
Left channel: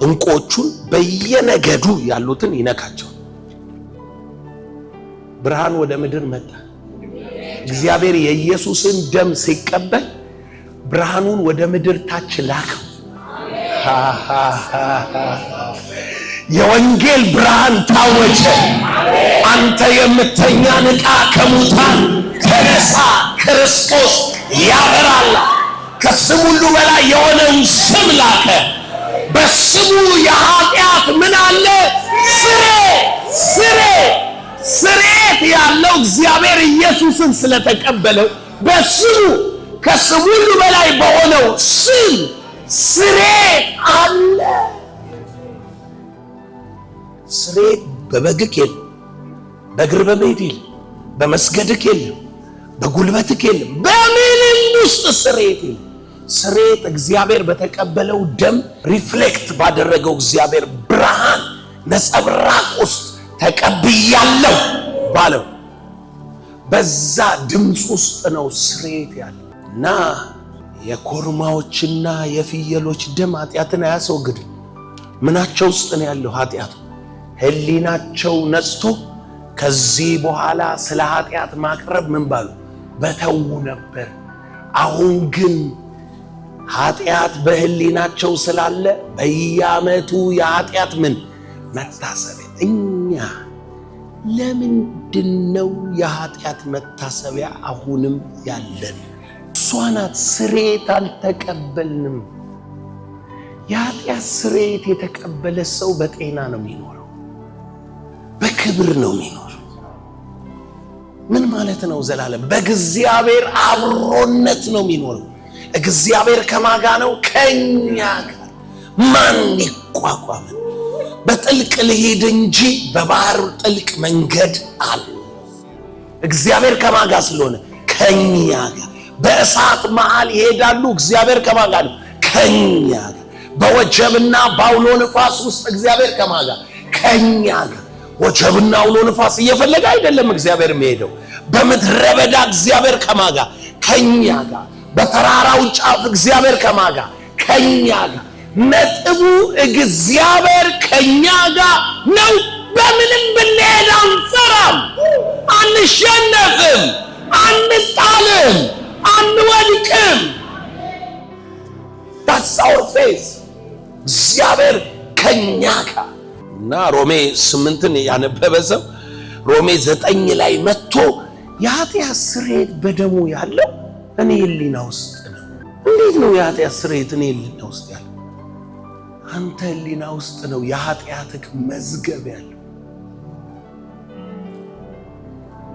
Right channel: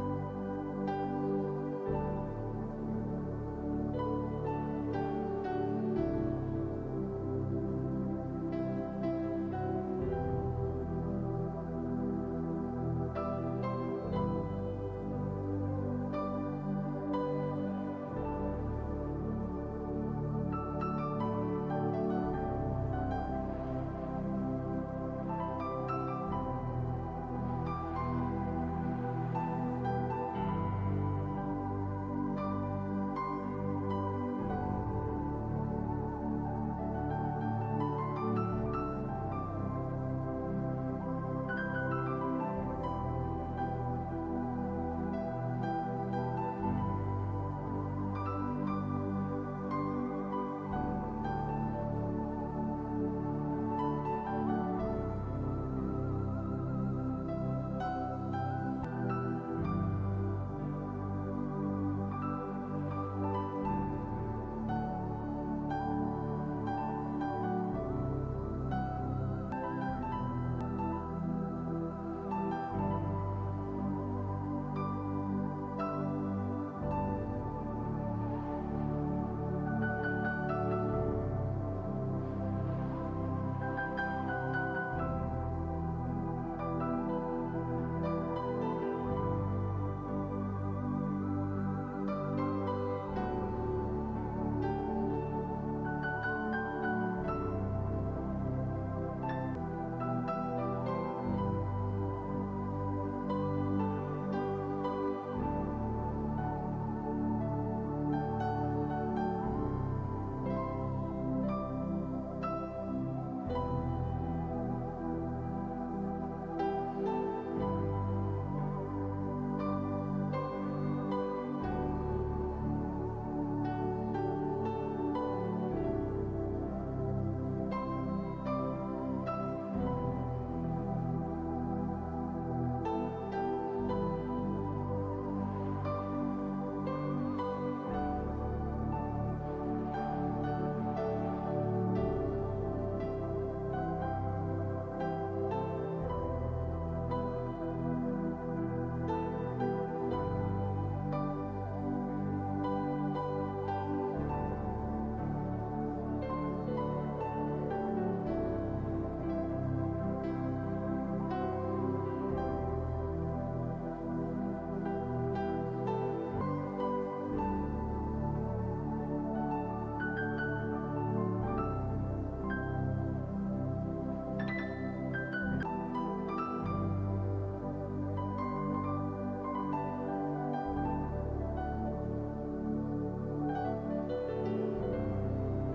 እንቆቹን በየነገዱ ያሉትን ይነካቸዋል። ብርሃን ወደ ምድር መጣ። እግዚአብሔር የኢየሱስን ደም ሲቀበል ብርሃኑን ወደ ምድር ታች ላከው። የወንጌል ብርሃን ታወጀ። አንተ የምተኛ ንቃ፣ ከሙታን ተነሳ፣ ክርስቶስ ያበራል። ከስም ሁሉ በላይ የሆነውን ስም ላከ። በስሙ የኃጢአት ምን አለ? ስርየት ያለው እግዚአብሔር ኢየሱስን ስለተቀበለው በስሙ ከስም ሁሉ በላይ በሆነው ስም ስርየት አለ። ስርየት በበግክ የለም፣ በእግር በመሄድ የለም፣ በመስገድክ የለም፣ በጉልበትክ የለም፣ በምንም ውስጥ ስርየት የለም። ስርየት እግዚአብሔር በተቀበለው ደም ሪፍሌክት ባደረገው እግዚአብሔር ብርሃን ነጸብራቅ ውስጥ ተቀብያለሁ ባለው በዛ ድምፅ ውስጥ ነው ስሬት ያለው እና የኮርማዎችና የፍየሎች ደም ኃጢአትን አያስወግድም። ምናቸው ውስጥ ነው ያለው ኃጢአቱ? ህሊናቸው ነጽቶ ከዚህ በኋላ ስለ ኃጢአት ማቅረብ ምን ባሉ በተው ነበር። አሁን ግን ኃጢአት በህሊናቸው ስላለ በየዓመቱ የኃጢአት ምን መታሰቢያ። እኛ ለምንድነው የኃጢአት መታሰቢያ አሁንም ያለን? እሷ ናት። ስሬት አልተቀበልንም። የኃጢአት ስሬት የተቀበለ ሰው በጤና ነው የሚኖረው፣ በክብር ነው የሚኖረው። ምን ማለት ነው? ዘላለም በእግዚአብሔር አብሮነት ነው የሚኖረው። እግዚአብሔር ከማጋ ነው? ከኛ ጋር። ማን ይቋቋመን? በጥልቅ ልሄድ እንጂ በባህር ጥልቅ መንገድ አለ። እግዚአብሔር ከማጋ ስለሆነ ከኛ ጋር። በእሳት መሃል ይሄዳሉ። እግዚአብሔር ከማጋ ነው? ከኛ ጋር። በወጀብና በአውሎ ንፋስ ውስጥ እግዚአብሔር ከማጋ ከኛ ጋር። ወጀብና አውሎ ንፋስ እየፈለገ አይደለም እግዚአብሔር የሚሄደው። በምድረ በዳ እግዚአብሔር ከማጋ ከኛ ጋር። በተራራው ጫፍ እግዚአብሔር ከማጋ ከኛ ጋር። ነጥቡ እግዚአብሔር ከኛ ጋር ነው። በምንም ብንሄድ አንፈራም፣ አንሸነፍም፣ አንጣልም፣ አንወድቅም። that's our faith። እግዚአብሔር ከኛ ጋር እና ሮሜ 8ን ያነበበ ሰው ሮሜ 9 ላይ መጥቶ የኃጢአት ስርየት በደሙ ያለው እኔ ህሊና ውስጥ ነው። እንዴት ነው የኃጢአት ስርየት እኔ ህሊና ውስጥ ያለው? አንተ ህሊና ውስጥ ነው የኃጢአትህ መዝገብ ያለው።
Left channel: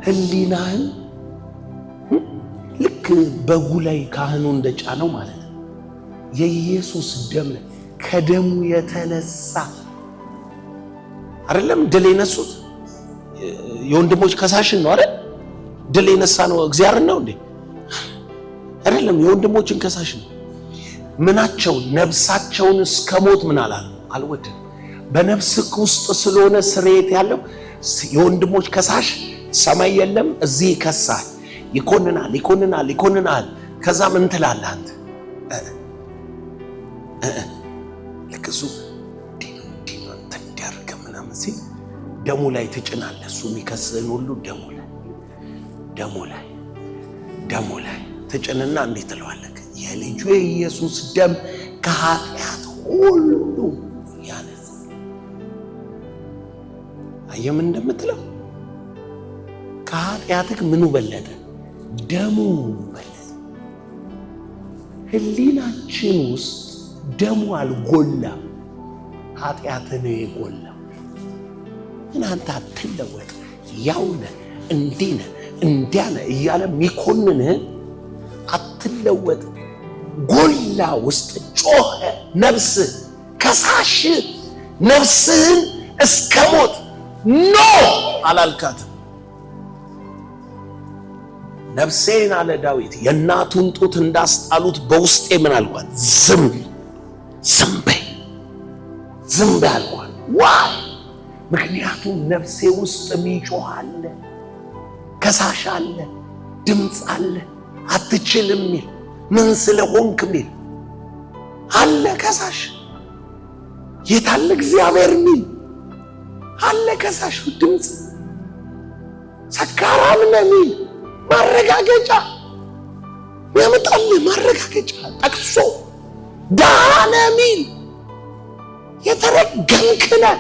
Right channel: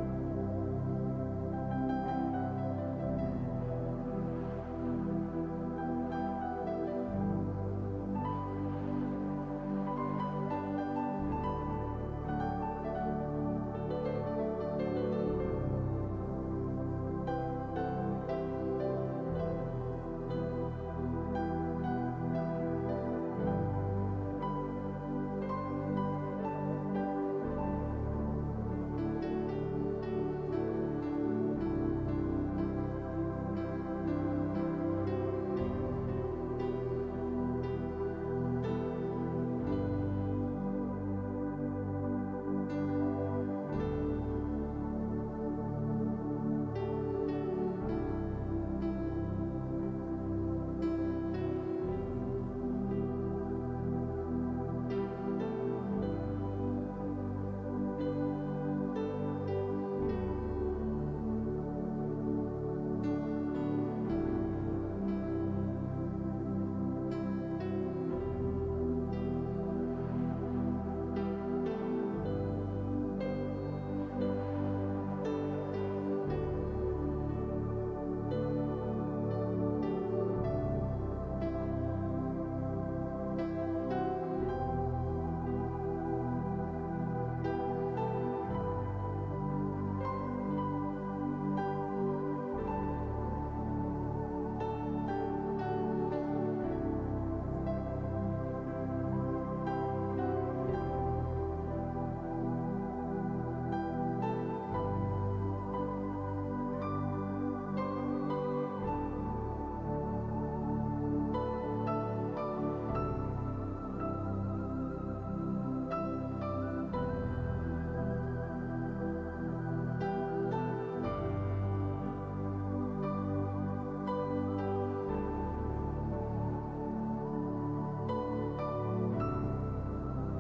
ህሊናህን ልክ በጉ ላይ ካህኑ እንደጫነው ማለት ነው። የኢየሱስ ደም ከደሙ የተነሳ አይደለም ድል የነሱት የወንድሞች ከሳሽን ነው አይደል? ድል የነሳ ነው እግዚአብሔር ነው እንዴ? አይደለም፣ የወንድሞችን ከሳሽ ነው። ምናቸው ነፍሳቸውን እስከ ሞት ምን አላሉ አልወደም። በነፍስክ ውስጥ ስለሆነ ስርየት ያለው የወንድሞች ከሳሽ ሰማይ የለም፣ እዚህ ይከሳል፣ ይኮንናል፣ ይኮንናል፣ ይኮንናል። ከዛ ምን ትላለህ አንተ? ልክ እሱ እንዲያርገ ምናምን ሲል ደሙ ላይ ትጭናለህ። እሱ የሚከስህን ሁሉ ደሙ ላይ ትጭንና እንዴት ትለዋለህ? የልጁ የኢየሱስ ደም ከኃጢአት ሁሉ ያነጻ። አየህ ምን እንደምትለው? ከኃጢአትህ ምኑ በለጠ? ደሙ በለጠ። ህሊናችን ውስጥ ደሙ አልጎላም፣ ኃጢአትህ ነው የጎላው። እናንተ አትለወጥ፣ ያው ነህ፣ እንዲህ ነህ፣ እንዲያ ነህ እያለ የሚኮንንህ አትለወጥ። ጎላ ውስጥ ጮኸ። ነፍስህ ከሳሽ ነፍስህን እስከ ሞት ኖ አላልካትም። ነፍሴን አለ ዳዊት የእናቱን ጡት እንዳስጣሉት በውስጤ ምን አልኳት? ዝም በይ አልኳት። ዋይ! ምክንያቱም ነፍሴ ውስጥ የሚጮህ አለ፣ ከሳሽ አለ፣ ድምፅ አለ፣ አትችልም ሚል፣ ምን ስለሆንክ ሚል አለ። ከሳሽ የታለ እግዚአብሔር ሚል አለ። ከሳሽ ድምፅ ሰካራም ነህ ሚል ማረጋገጫ ያመጣልህ። ማረጋገጫ ጠቅሶ ደሃ ነህ ሚል የተረገምክ ነህ።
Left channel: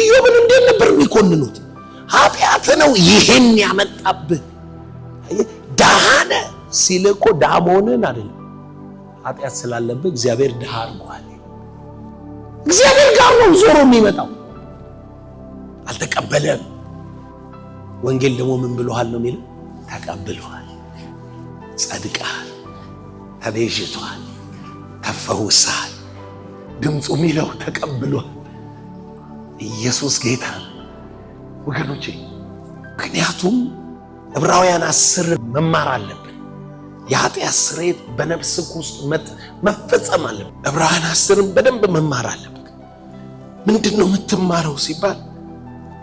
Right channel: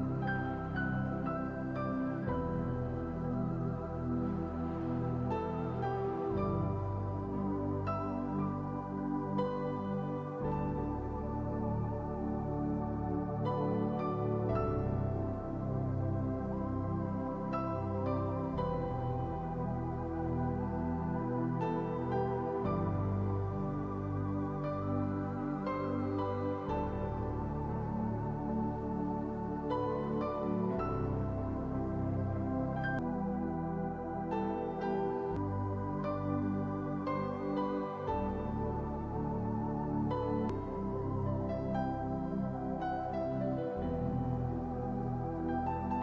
ኢዮብን እንዴት ነበር የሚኮንኑት? ኃጢአት ነው ይሄን ያመጣብህ። ደሃ ነህ ሲል እኮ ደሃ መሆንህን አይደለም፣ ኃጢአት ስላለብህ እግዚአብሔር ደሃ አድርጓል። እግዚአብሔር ጋር ነው ዞሮ የሚመጣው። አልተቀበለም። ወንጌል ደግሞ ምን ብሎሃል ነው የሚለው? ተቀብሏል፣ ጸድቀሃል፣ ተቤዥቷል፣ ተፈውሰሃል። ድምፁ የሚለው ተቀብሏል። ኢየሱስ ጌታ ወገኖቼ። ምክንያቱም ዕብራውያን 10 መማር አለብን። የኃጢአት ስርየት በነፍስህ ውስጥ መፈጸም አለብን። ዕብራውያን 10ን በደንብ መማር አለብን። ምንድን ነው የምትማረው ሲባል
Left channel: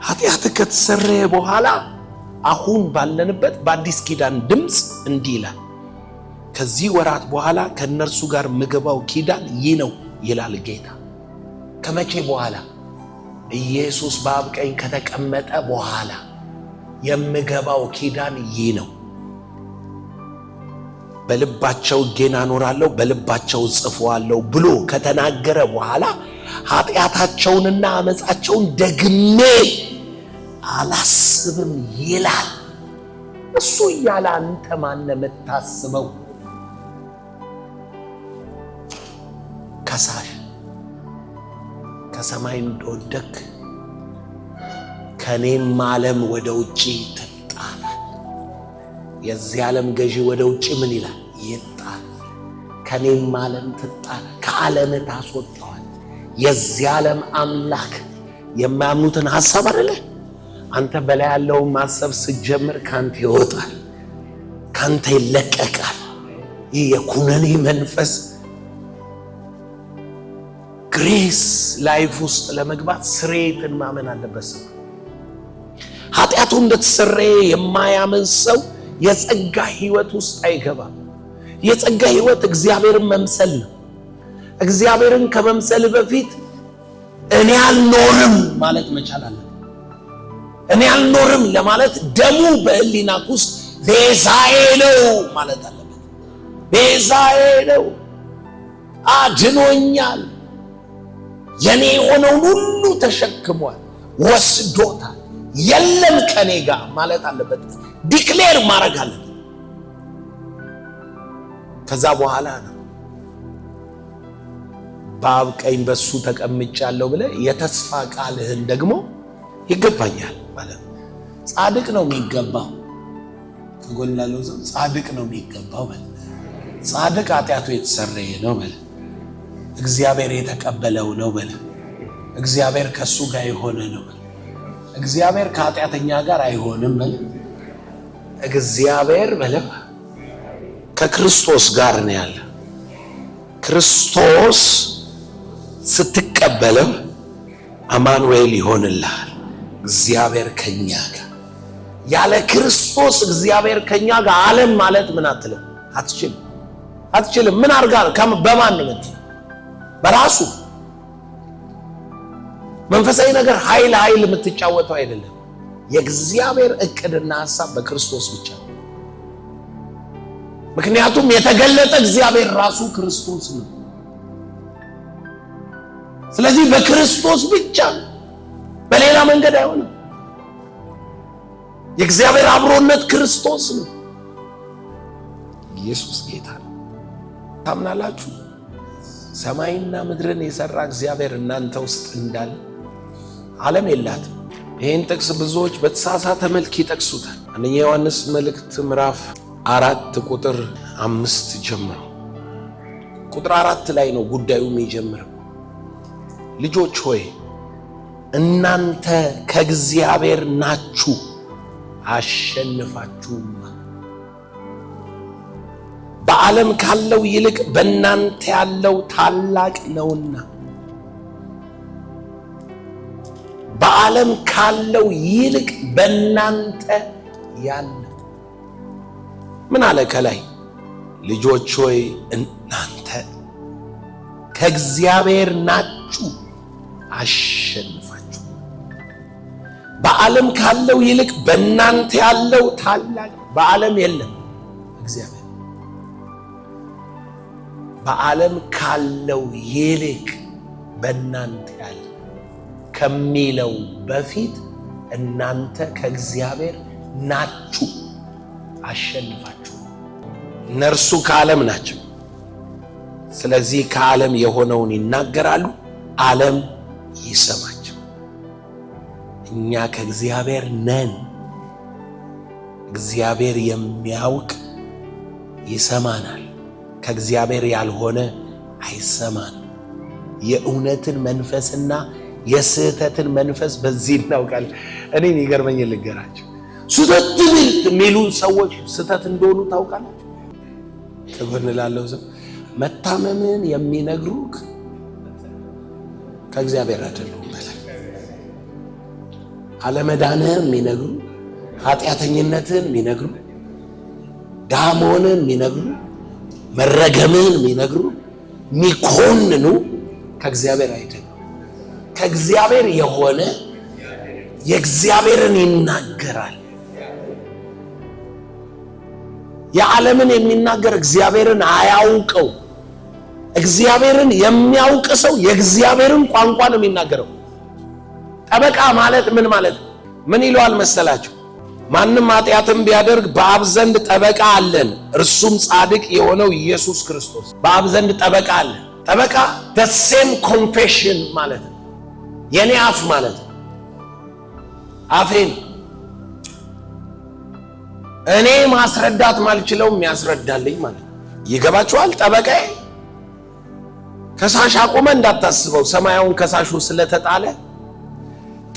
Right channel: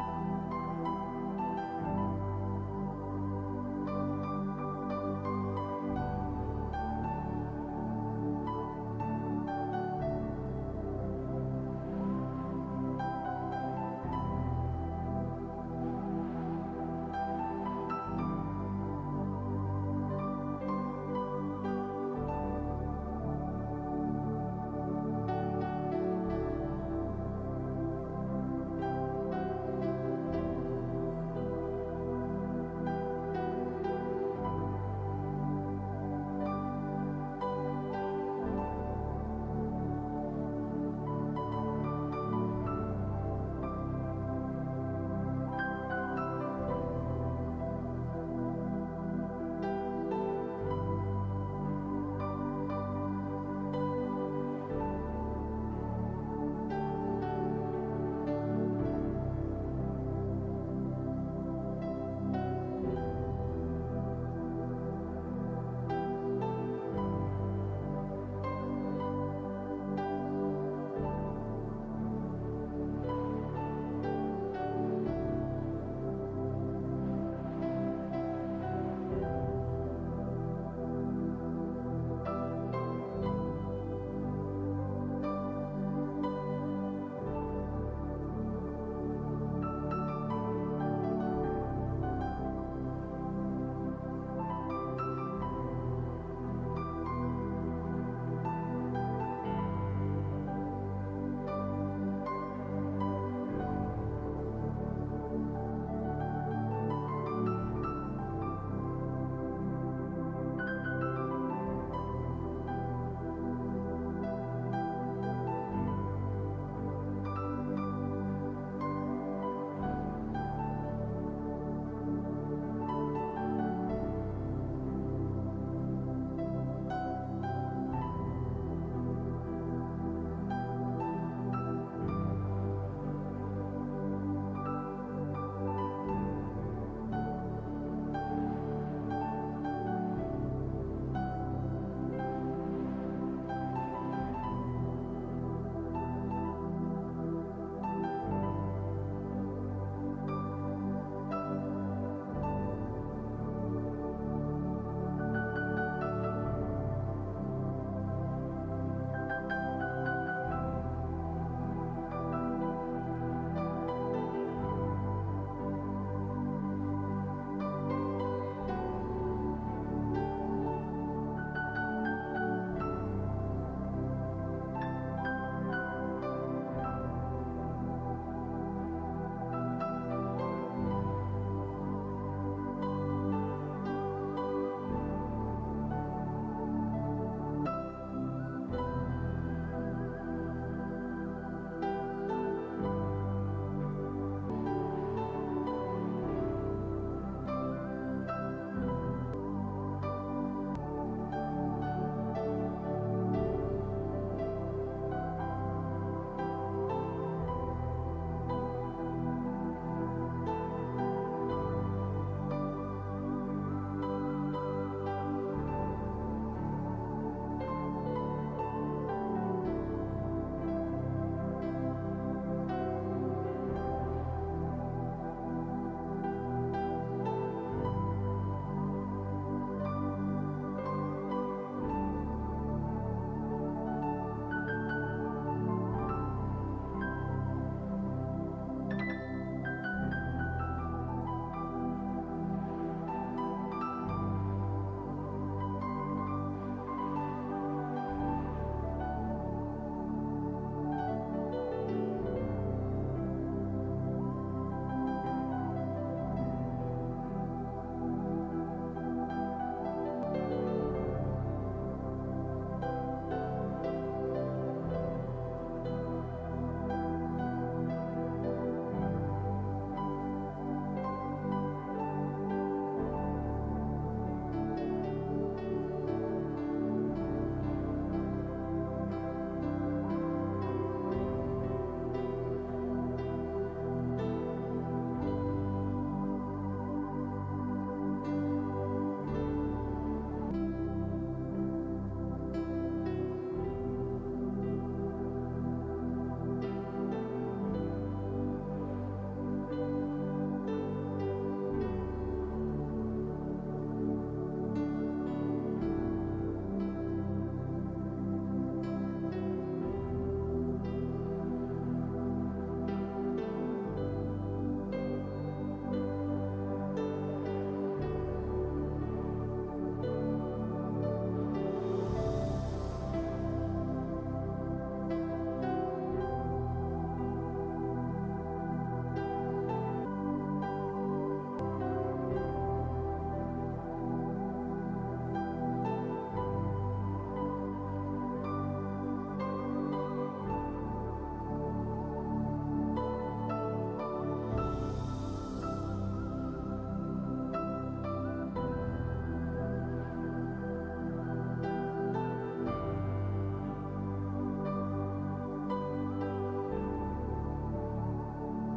ኃጢአትህ ከተሰረየ በኋላ አሁን ባለንበት በአዲስ ኪዳን ድምፅ እንዲህ ይላል፣ ከዚህ ወራት በኋላ ከእነርሱ ጋር ምገባው ኪዳን ይህ ነው ይላል ጌታ። ከመቼ በኋላ? ኢየሱስ በአብ ቀኝ ከተቀመጠ በኋላ የምገባው ኪዳን ይህ ነው። በልባቸው ሕጌን አኖራለሁ፣ በልባቸው ጽፈዋለሁ ብሎ ከተናገረ በኋላ ኃጢአታቸውንና አመፃቸውን ደግሜ አላስብም ይላል። እሱ እያለ አንተ ማነ የምታስበው? ከሳሽ ከሰማይ እንደወደክ ከኔም ዓለም ወደ ውጪ ትጣላል። የዚህ ዓለም ገዢ ወደ ውጪ ምን ይላል? ይጣል። ከኔም ዓለም ትጣል፣ ከዓለም ታስወጣዋል። የዚህ ዓለም አምላክ የማያምኑትን ሐሳብ አይደለ? አንተ በላይ ያለውን ማሰብ ስትጀምር ካንተ ይወጣል፣ ካንተ ይለቀቃል። ይህ የኩነኔ መንፈስ ግሬስ ላይፍ ውስጥ ለመግባት ስሬትን ማመን አለበት። ኃጢአቱ እንደተሰረየ የማያምን ሰው የጸጋ ህይወት ውስጥ አይገባም። የጸጋ ህይወት እግዚአብሔርን መምሰል ነው። እግዚአብሔርን ከመምሰል በፊት እኔ አልኖርም ማለት መቻል አለ። እኔ አልኖርም ለማለት ደሙ በህሊናክ ውስጥ ቤዛዬ ነው ማለት አለበት። ቤዛዬ ነው፣ አድኖኛል፣ የኔ የሆነውን ሁሉ ተሸክሟል፣ ወስዶታል፣ የለም ከኔ ጋር ማለት አለበት። ዲክሌር ማድረግ አለበት። ከዛ በኋላ ነው በአብ ቀኝ በሱ ተቀምጫለሁ ብለህ የተስፋ ቃልህን ደግሞ ይገባኛል ማለት ነው። ጻድቅ ነው የሚገባው። ተጎላለው ጻድቅ ነው የሚገባው በል። ጻድቅ ኃጢአቱ የተሰረየ ነው በል። እግዚአብሔር የተቀበለው ነው በል። እግዚአብሔር ከሱ ጋር የሆነ ነው በል። እግዚአብሔር ከኃጢአተኛ ጋር አይሆንም በል። እግዚአብሔር በል ከክርስቶስ ጋር ነው ያለ። ክርስቶስ ስትቀበለው አማኑኤል ይሆንልሃል። እግዚአብሔር ከኛ ጋር። ያለ ክርስቶስ እግዚአብሔር ከኛ ጋር ዓለም ማለት ምን አትልም፣ አትችልም። ምን አርጋል? በማን ነው? በራሱ መንፈሳዊ ነገር ኃይል የምትጫወተው አይደለም። የእግዚአብሔር እቅድና ሐሳብ በክርስቶስ ብቻ ነው። ምክንያቱም የተገለጠ እግዚአብሔር ራሱ ክርስቶስ ነው። ስለዚህ በክርስቶስ ብቻ ነው፣ በሌላ መንገድ አይሆንም። የእግዚአብሔር አብሮነት ክርስቶስ ነው። ኢየሱስ ጌታ ነው። ታምናላችሁ? ሰማይና ምድርን የሰራ እግዚአብሔር እናንተ ውስጥ እንዳለ ዓለም የላትም። ይህን ጥቅስ ብዙዎች በተሳሳተ መልክ ይጠቅሱታል። አንደኛ ዮሐንስ መልእክት ምዕራፍ 4 ቁጥር 5 ጀምሮ ቁጥር 4 ላይ ነው ጉዳዩ የሚጀምረው። ልጆች ሆይ እናንተ ከእግዚአብሔር ናችሁ፣ አሸንፋችሁም። በዓለም ካለው ይልቅ በእናንተ ያለው ታላቅ ነውና። በዓለም ካለው ይልቅ በእናንተ ያለው ምን አለ ከላይ? ልጆች ሆይ እናንተ ከእግዚአብሔር ናችሁ፣ አሸንፋችሁ። በዓለም ካለው ይልቅ በእናንተ ያለው ታላቅ። በዓለም የለም እግዚአብሔር። በዓለም ካለው ይልቅ በእናንተ ያለው ከሚለው በፊት እናንተ ከእግዚአብሔር ናችሁ፣ አሸንፋችሁ። እነርሱ ከዓለም ናቸው፣ ስለዚህ ከዓለም የሆነውን ይናገራሉ፣ ዓለም ይሰማቸው። እኛ ከእግዚአብሔር ነን። እግዚአብሔር የሚያውቅ ይሰማናል፣ ከእግዚአብሔር ያልሆነ አይሰማንም። የእውነትን መንፈስና የስህተትን መንፈስ በዚህ እናውቃለን። እኔን ይገርመኝ ልገራቸው። ስህተት የሚሉ ሰዎች ስህተት እንደሆኑ ታውቃላችሁ። ከጎን ላለው ሰው መታመምን የሚነግሩክ ከእግዚአብሔር አይደሉም። አለመዳንህን የሚነግሩ ኃጢአተኝነትን የሚነግሩ፣ ድሃ መሆንን የሚነግሩ፣ መረገምን የሚነግሩ፣ የሚኮንኑ ከእግዚአብሔር አይደለም። ከእግዚአብሔር የሆነ የእግዚአብሔርን ይናገራል። የዓለምን የሚናገር እግዚአብሔርን አያውቀው። እግዚአብሔርን የሚያውቅ ሰው የእግዚአብሔርን ቋንቋ ነው የሚናገረው። ጠበቃ ማለት ምን ማለት ነው? ምን ይለዋል መሰላችሁ? ማንም ኃጢአትን ቢያደርግ በአብ ዘንድ ጠበቃ አለን፣ እርሱም ጻድቅ የሆነው ኢየሱስ ክርስቶስ። በአብ ዘንድ ጠበቃ አለን። ጠበቃ the same confession ማለት ነው። የኔ አፍ ማለት ነው። አፌን እኔ ማስረዳት ማልችለው የሚያስረዳልኝ ማለት ነው። ይገባችኋል? ጠበቃዬ ከሳሽ አቆመ እንዳታስበው፣ ሰማያውን ከሳሹ ስለተጣለ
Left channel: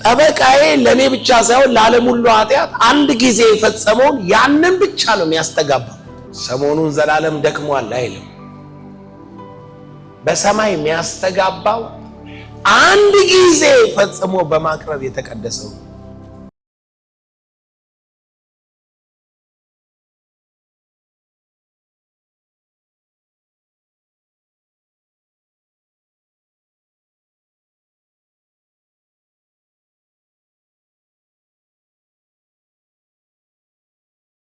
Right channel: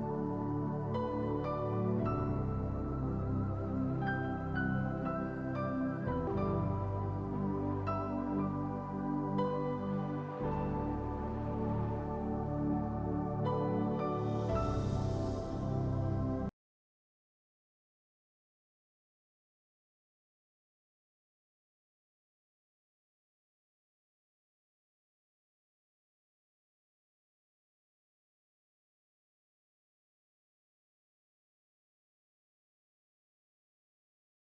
ጠበቃዬ ለኔ ብቻ ሳይሆን ለዓለም ሁሉ ኃጢአት አንድ ጊዜ የፈጸመውን ያንን ብቻ ነው የሚያስተጋባው። ሰሞኑን ዘላለም ደክሟል አይልም። በሰማይ የሚያስተጋባው አንድ ጊዜ ፈጽሞ በማቅረብ የተቀደሰው